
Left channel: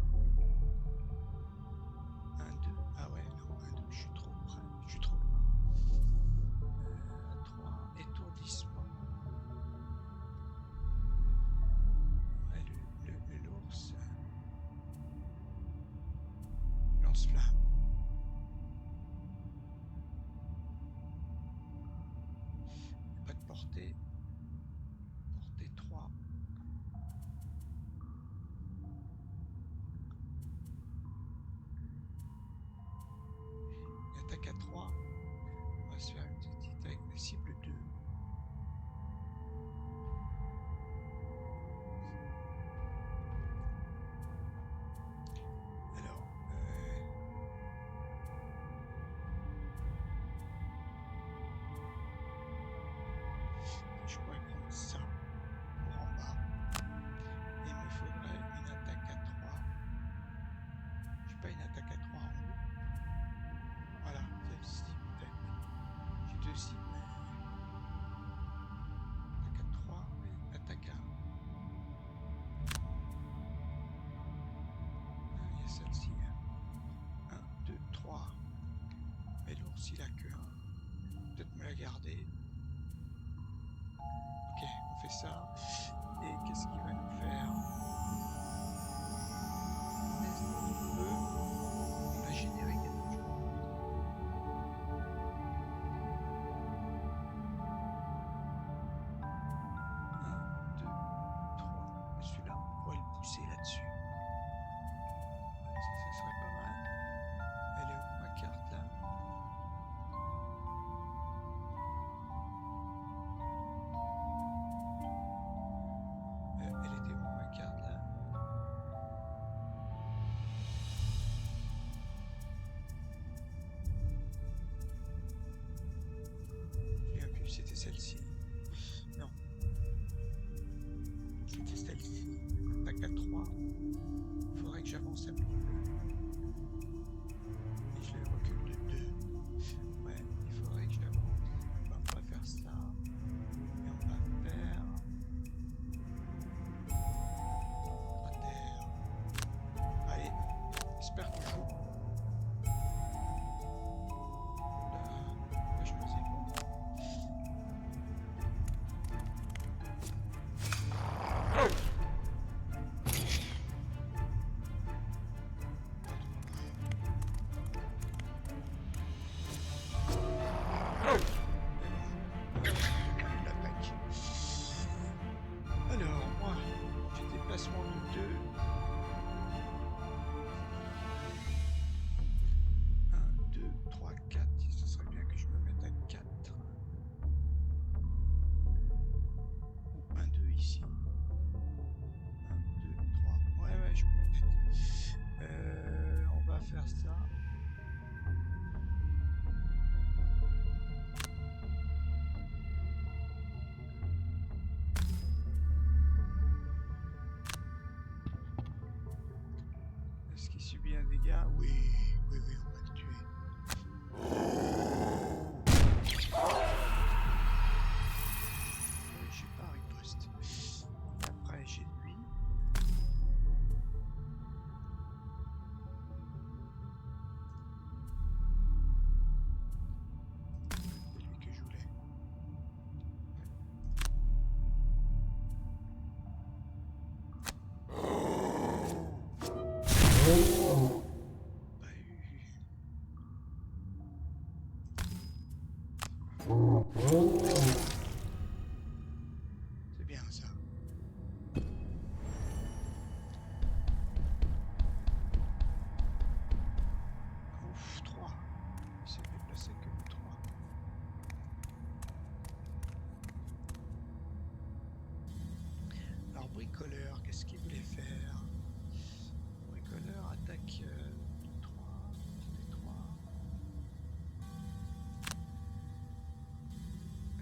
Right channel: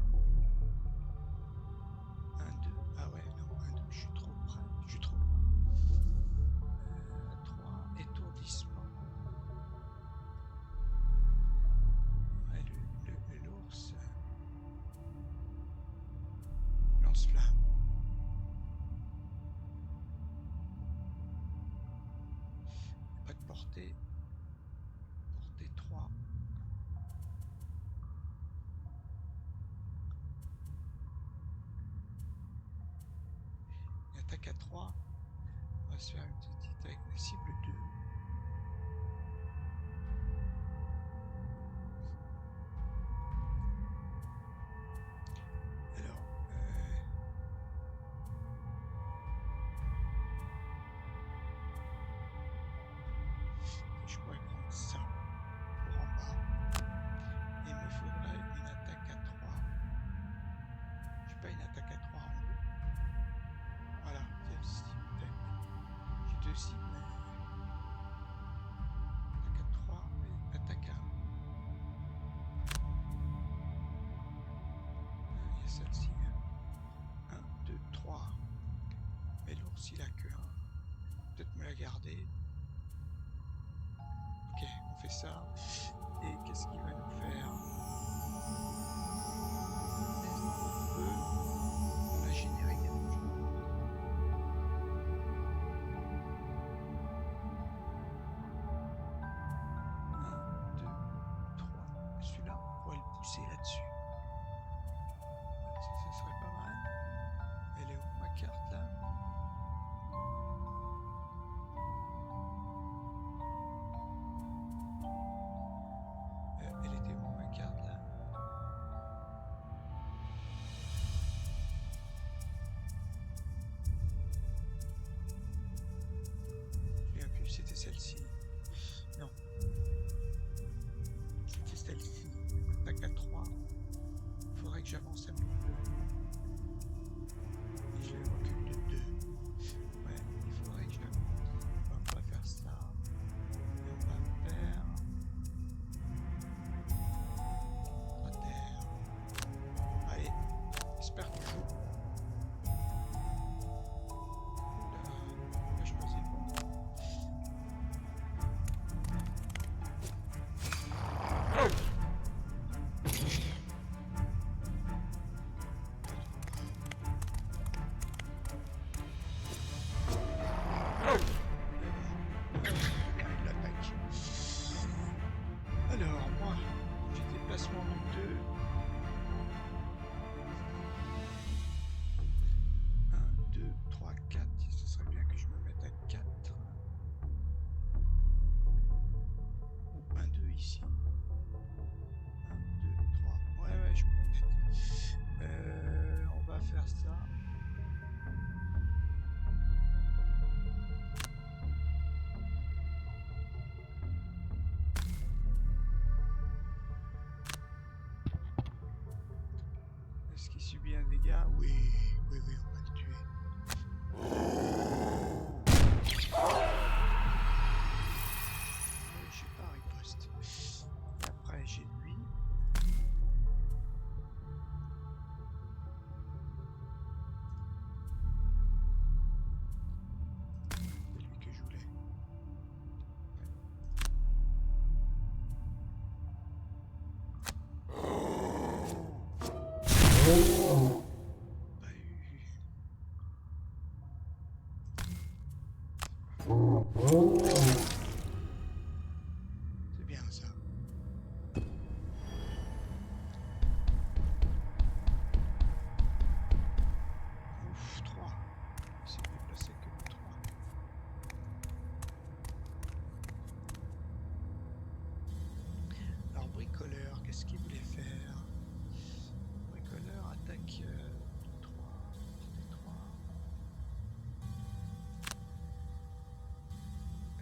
1, 2, ah ouais, non, 1, 2, je suis trop près, je suis trop loin. 3, étourdissement. Ouais, l'ours. Lance-flamme. Pas de portée. Portée 3. Une attaque à 3. On va se faire une petite avec la cible 2. Alors, je pourrais prendre ça pour en bas. Et il me faudrait une attaque à 3. Je n'ai pas une attaque à 3 en haut. Voilà, celle-ci peut-être. J'ai 2 cibles, mais... Attaque à 3 et attaque à 1. Il y a celle-ci. 1, 2, 3. Mais l'ours il a que 1. Peut-être me la garder. Ok, on fait ça. Et qu'est-ce qu'il va nous faire? Est-ce qu'il peut... On a généré quelque chose. 1, 2, 3. Celui-là, on pourrait le pousser là-dessus. Ça serait pas mal. Elle est où ma carte là? Elle était où ma carte là? Je ne sais plus, c'était celle-ci. Non. C'était celle-ci. Attaque à 3. combien de dégâts? Oui, oui, oui, on va le tuer. Oui, j'ai pas riposte. Et après, j'ai lui. C'est lui que je voulais. C'est bien ça. Ouf, 3. Il s'est déplacé que de 3. Alors, bricoleur, qu'est-ce qu'il voulait faire? Bricoleur attaque de 3, portée 3.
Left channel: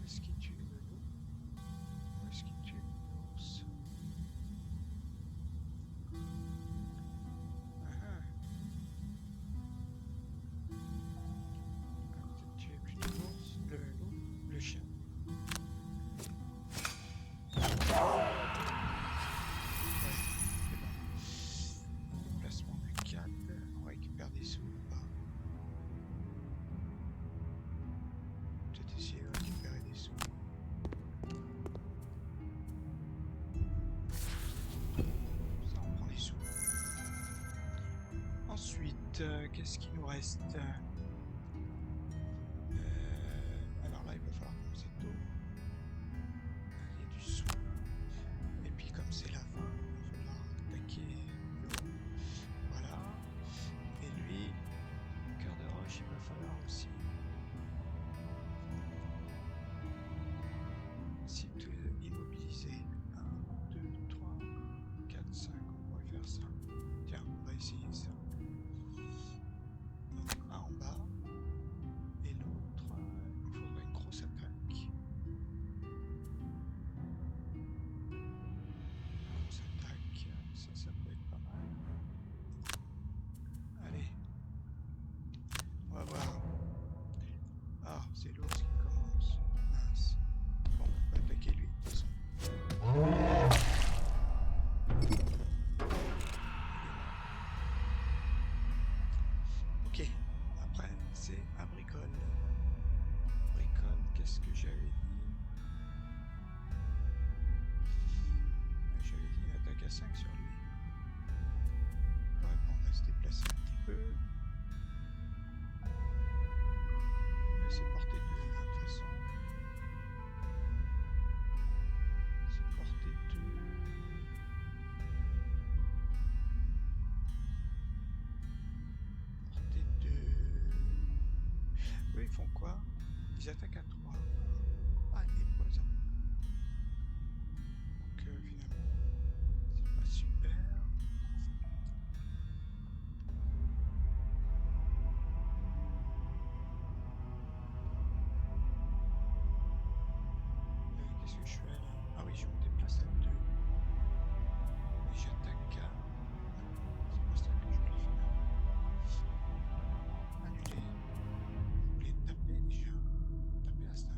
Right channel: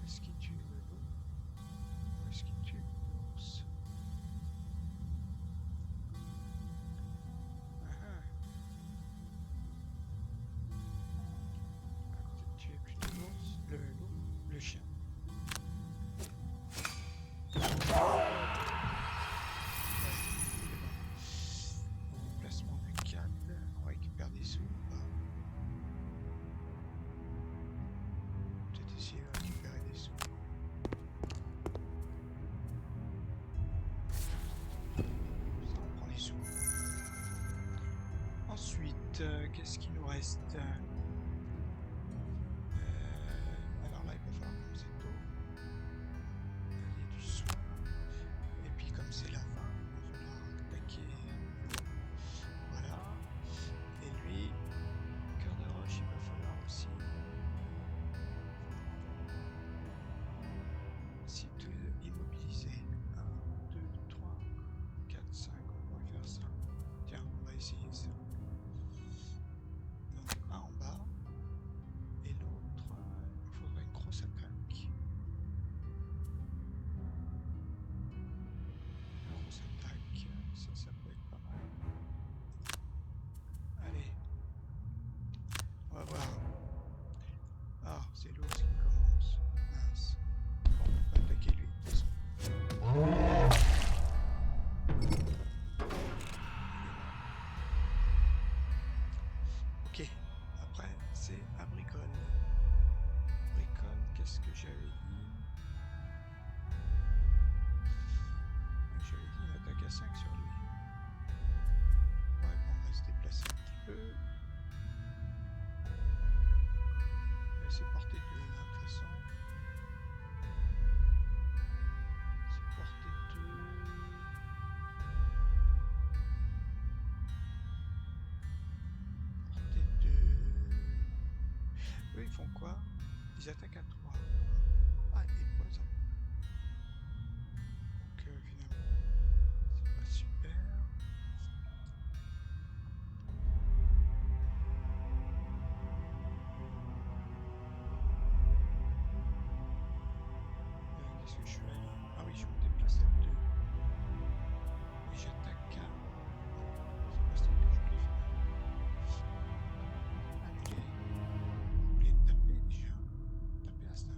Est-ce qu'il tue le loup? Ou est-ce qu'il tue l'ours? Peut-être tuer plutôt l'ours, le loup, le chien. Ouais, c'est bon. Déplacement de 4, on récupère des sous ou pas? Peut-être essayer de récupérer des sous. Ça, on prend des sous. Ensuite, qu'est-ce qu'il nous reste? Alors là, il va falloir commencer tôt. Il y a du soin. Et puis comme c'est la fin, il va falloir attaquer l'eau. Voilà. Et lui, cœur de roche, il va falloir aussi... Site immobilisé. 1, 2, 3, 4, 5. On pourrait faire ça. Tiens, on va essayer ça. Donc un en bas. Et l'autre, il faudrait une grosse attaque. Grosse attaque, ça peut être pas mal. Allez. On va voir. Ah, c'est l'ours qui commence. Mince. Bon, on va attaquer lui, de toute façon. Ok, après c'est à bricole. Bricole, qu'est-ce que j'avais dit? J'avais dit une attaque à 5 sur lui. Ouais, bon, on va se déplacer un petit peu. C'est portée 2, hein, de toute façon. C'est portée 2. Portée 2. Eux, ils font quoi? Ils attaquent à 3. Ah, et poison. Donc, finalement, c'est pas super. Qu'est-ce que je fais là? Ah oui, je me déplace à 2. Et j'attaque à... Non, c'est pas ça que je voulais faire. Annuler. Je voulais taper déjà. Taper à 5.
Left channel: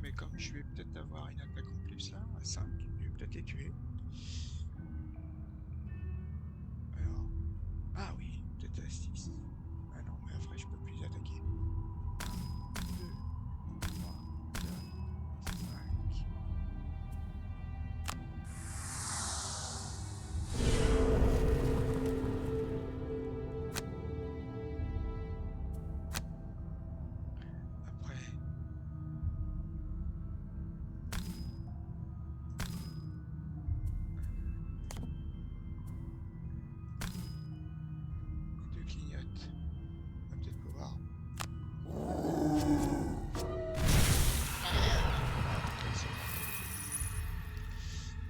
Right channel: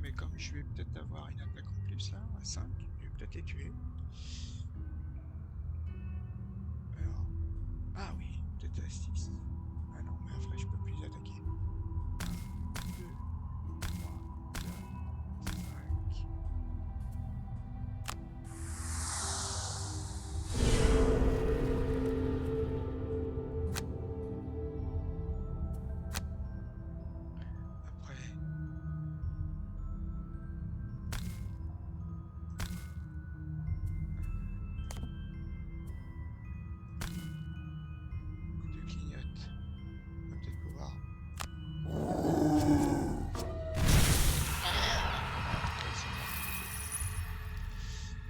mais comme je vais peut-être avoir une attaque en plus là, à 5, je vais peut-être les tuer. Alors... Ah oui, peut-être à 6. Ah non, mais après je peux plus attaquer. 2, 3, 4, 5. Après... Les deux clignotent. On va peut-être pouvoir...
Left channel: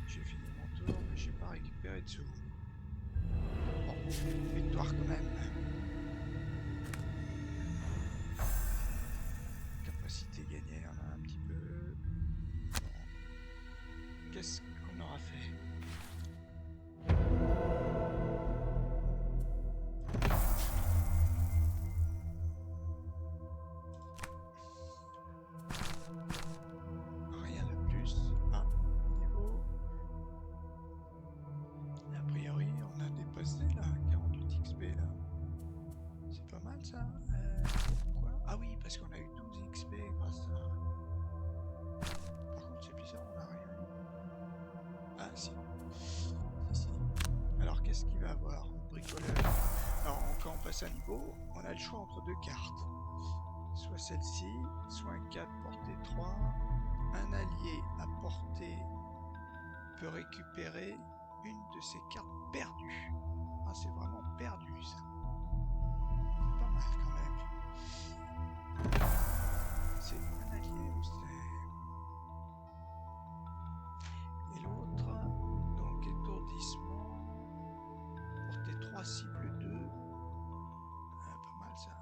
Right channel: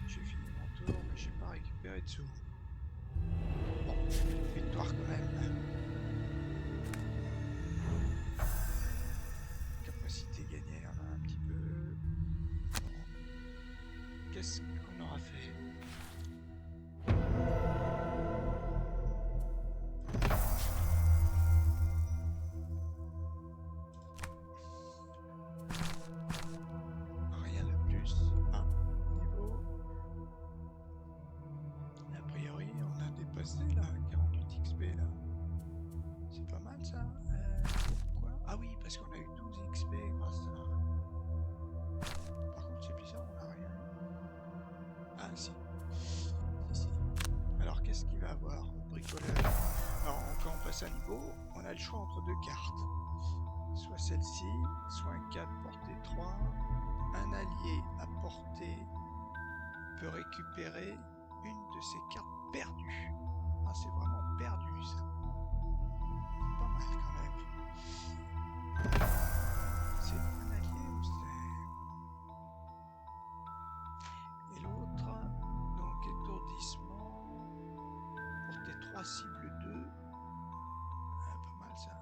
J'ai fini mon tour, mais j'ai pas récupéré de sous. Bon, victoire quand même. Capacité gagnée, on a un petit peu. Bon. Qu'est-ce qu'on aura fait? Rien de plus. Ah, niveau. A priori, on a dépassé là, 48 XP là. C'est pas mal ça. Pourquoi? Ah oui, parce qu'on a eu 12 XP grâce à... Par contre, c'est bizarre, on n'a rien eu. Ah si. Si. Alors, qu'est-ce qu'il va avoir? Bricoleur. Alors, quand on passe un niveau, on a le choix entre deux cartes. Soit celle-ci, soit un 4 portée 3. Un allié à portée peut récupérer une de ces cartes perdues. Ah, c'est vraiment perdu ça. C'est pas mal quand même. C'est un allié ou c'est... Et l'autre, donc étourdissement, portée 3, cible 2. Ah, pas mal ça.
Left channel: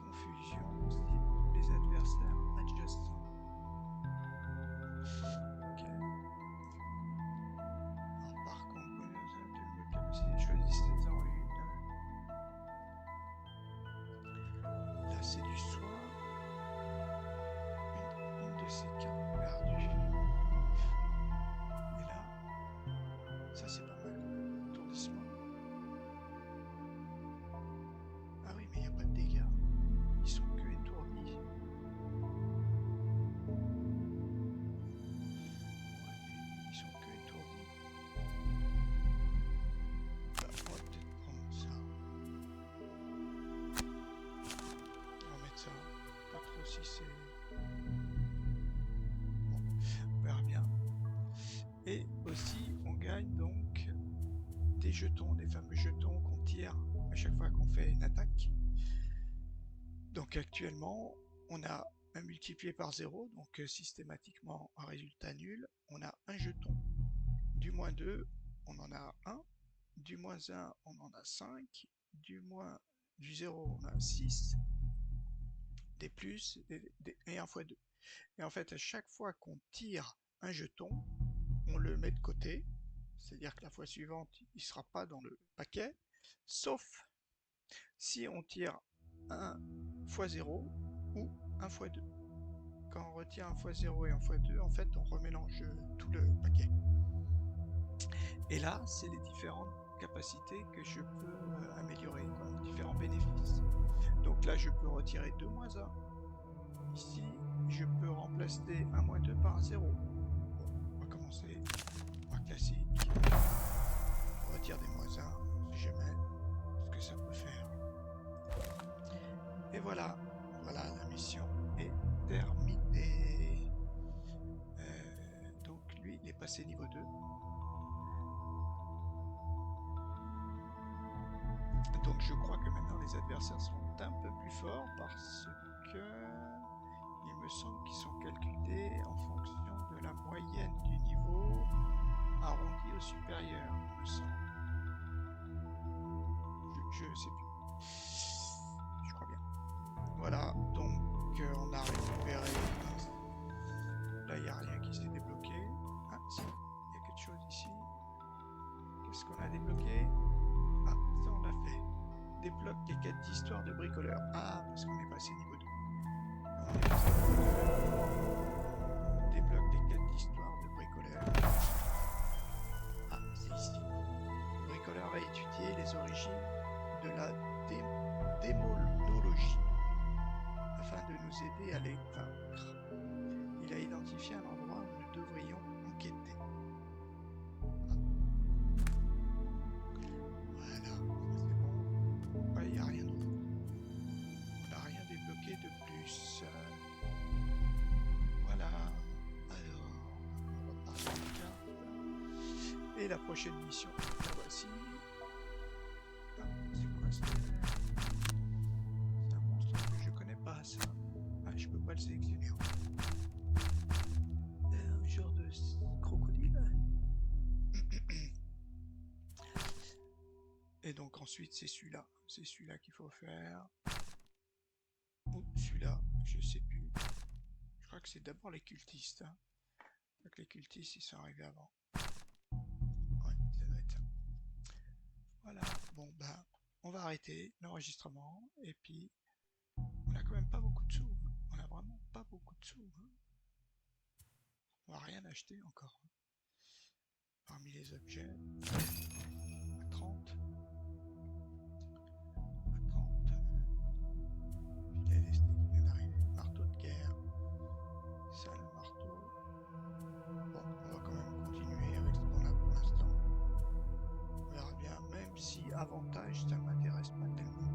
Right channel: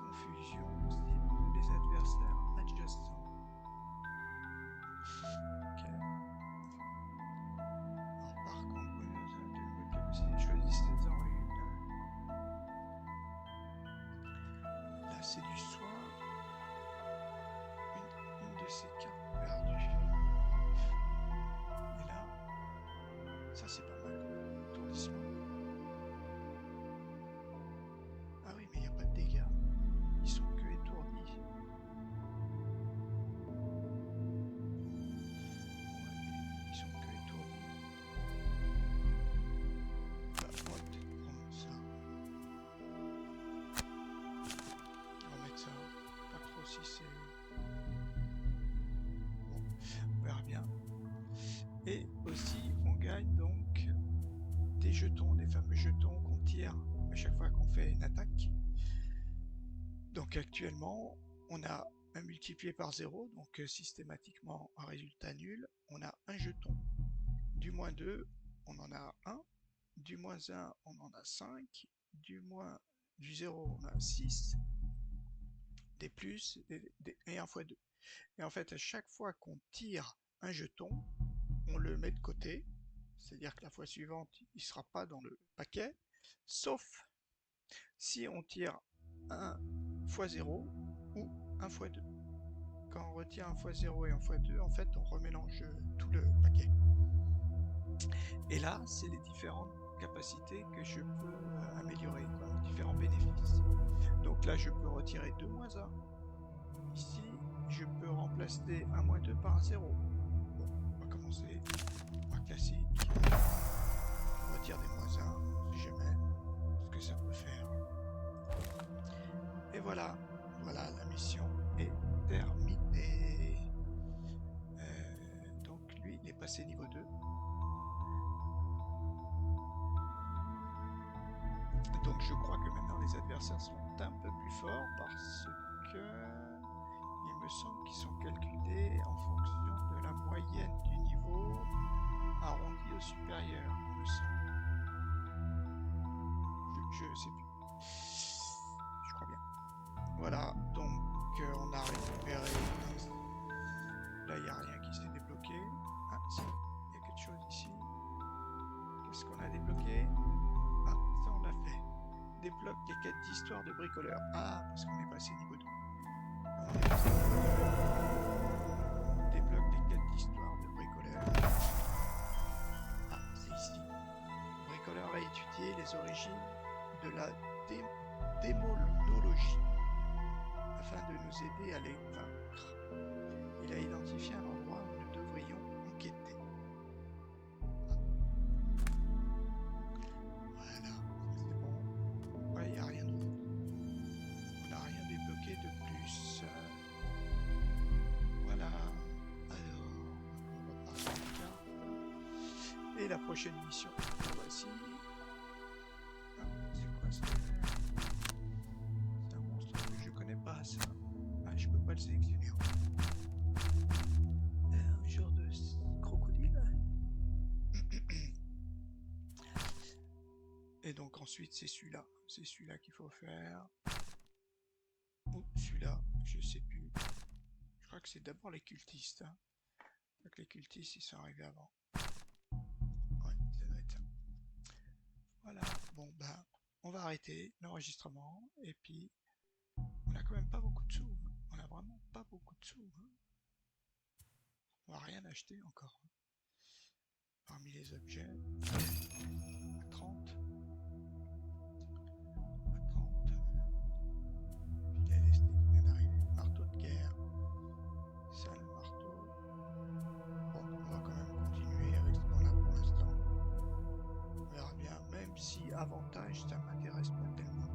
Confusion, cible tous les adversaires adjacents. Ok. Alors par contre, de capacité, choisissez-en une. Là c'est du soin. Une de ces cartes perdues. Et là, ça c'est pas mal. Étourdissement. Ah oui, mais il n'y a pas de dégâts. Ils sont que étourdis. Ouais, mais ils sont que étourdis. Bah, on va peut-être prendre ça. On va mettre ça. Pas trop si c'est... Bon, on verra bien. Et aussi, on gagne donc des jetons, des fameux jetons qu'on tire à chaque fois qu'on fait une attaque. Donc actuellement, on a un multiplié par 0, donc systématiquement un résultat nul. On a un jeton. Du moins 2, on en a 1. Du moins 1, on en a 5. Du 0, on a 6. Des plus et 1 fois 2. Et en fait, à chaque fois qu'on tire un jeton, on le met de côté. C'est-à-dire que la fois suivante, il ne sera pas dans le paquet. Sauf si on tire 1 fois 0 ou 1 fois 2. Quand on retire 1 fois 0 et 1 fois 2, en fait, on remélange tout le paquet. Et là, c'est les différentes capacités que je peux améliorer, quoi, différents bénéfices. Donc là, je peux retirer 2 moins 1. Ici, je peux remplacer 1 moins 2 par 0. Bon, on va commencer par classique. On retire des moins 1, si jamais, ce que ça peut faire. Et voilà, voilà, la mission est terminée. Donc lui, il est passé niveau 2. Donc je crois que maintenant les adversaires sont un peu plus forts parce que il me semble qu'ils sont calculés en fonction de la moyenne du niveau arrondi au supérieur, il me semble. Je sais plus. Je crois bien. Voilà, donc on a récupéré. Là, il n'y a rien qui s'est débloqué. Ah, si, il y a quelque chose ici. Qu'est-ce qu'on a débloqué? Ah, ça on l'a fait. Débloque les quêtes d'histoire de bricoleur. Ah, parce qu'on est passé niveau 2. On est passé niveau 2. l'origine de la démonologie afin de nous aider à les vaincre. Il a identifié un endroit où nous devrions enquêter. Voilà, ça c'est bon. Ouais, il n'y a rien d'autre. On n'a rien débloqué de plus. Voilà. Alors, on va partir de carte. Et la prochaine mission, la voici. Ah, c'est quoi ça? C'est un monstre que je connais pas, ça. Ah, je peux pas le sélectionner. Un genre de crocodile. Et donc ensuite c'est celui-là. C'est celui-là qu'il faut faire. Ou celui-là, je sais plus. Je crois que c'est d'abord les cultistes. Hein. Donc les cultistes ils sont arrivés avant. Ouais, ça doit être ça. Voilà, bon bah on va arrêter l'enregistrement et puis on a quand même pas beaucoup de sous. Hein. On a vraiment pas beaucoup de sous. Hein. On va rien acheter encore. Hein. Parmi les objets, à 30. À 30. Filet lesté qui vient d'arriver. Marteau de guerre. Ça le marteau. Bon, on va quand même continuer avec ce qu'on a pour l'instant. On verra bien, même si avantage ça m'intéresse pas tellement.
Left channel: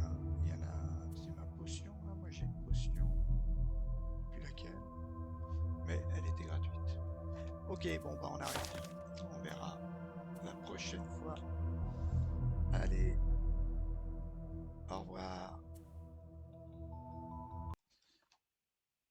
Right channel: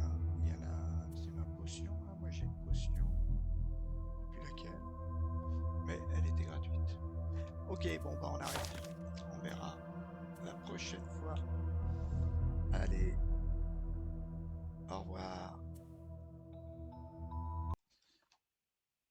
Hein, il y en a, c'est ma potion, là. Moi j'ai une potion, je sais plus laquelle, mais elle était gratuite. Ok, bon bah on arrête, on verra la prochaine fois. Allez.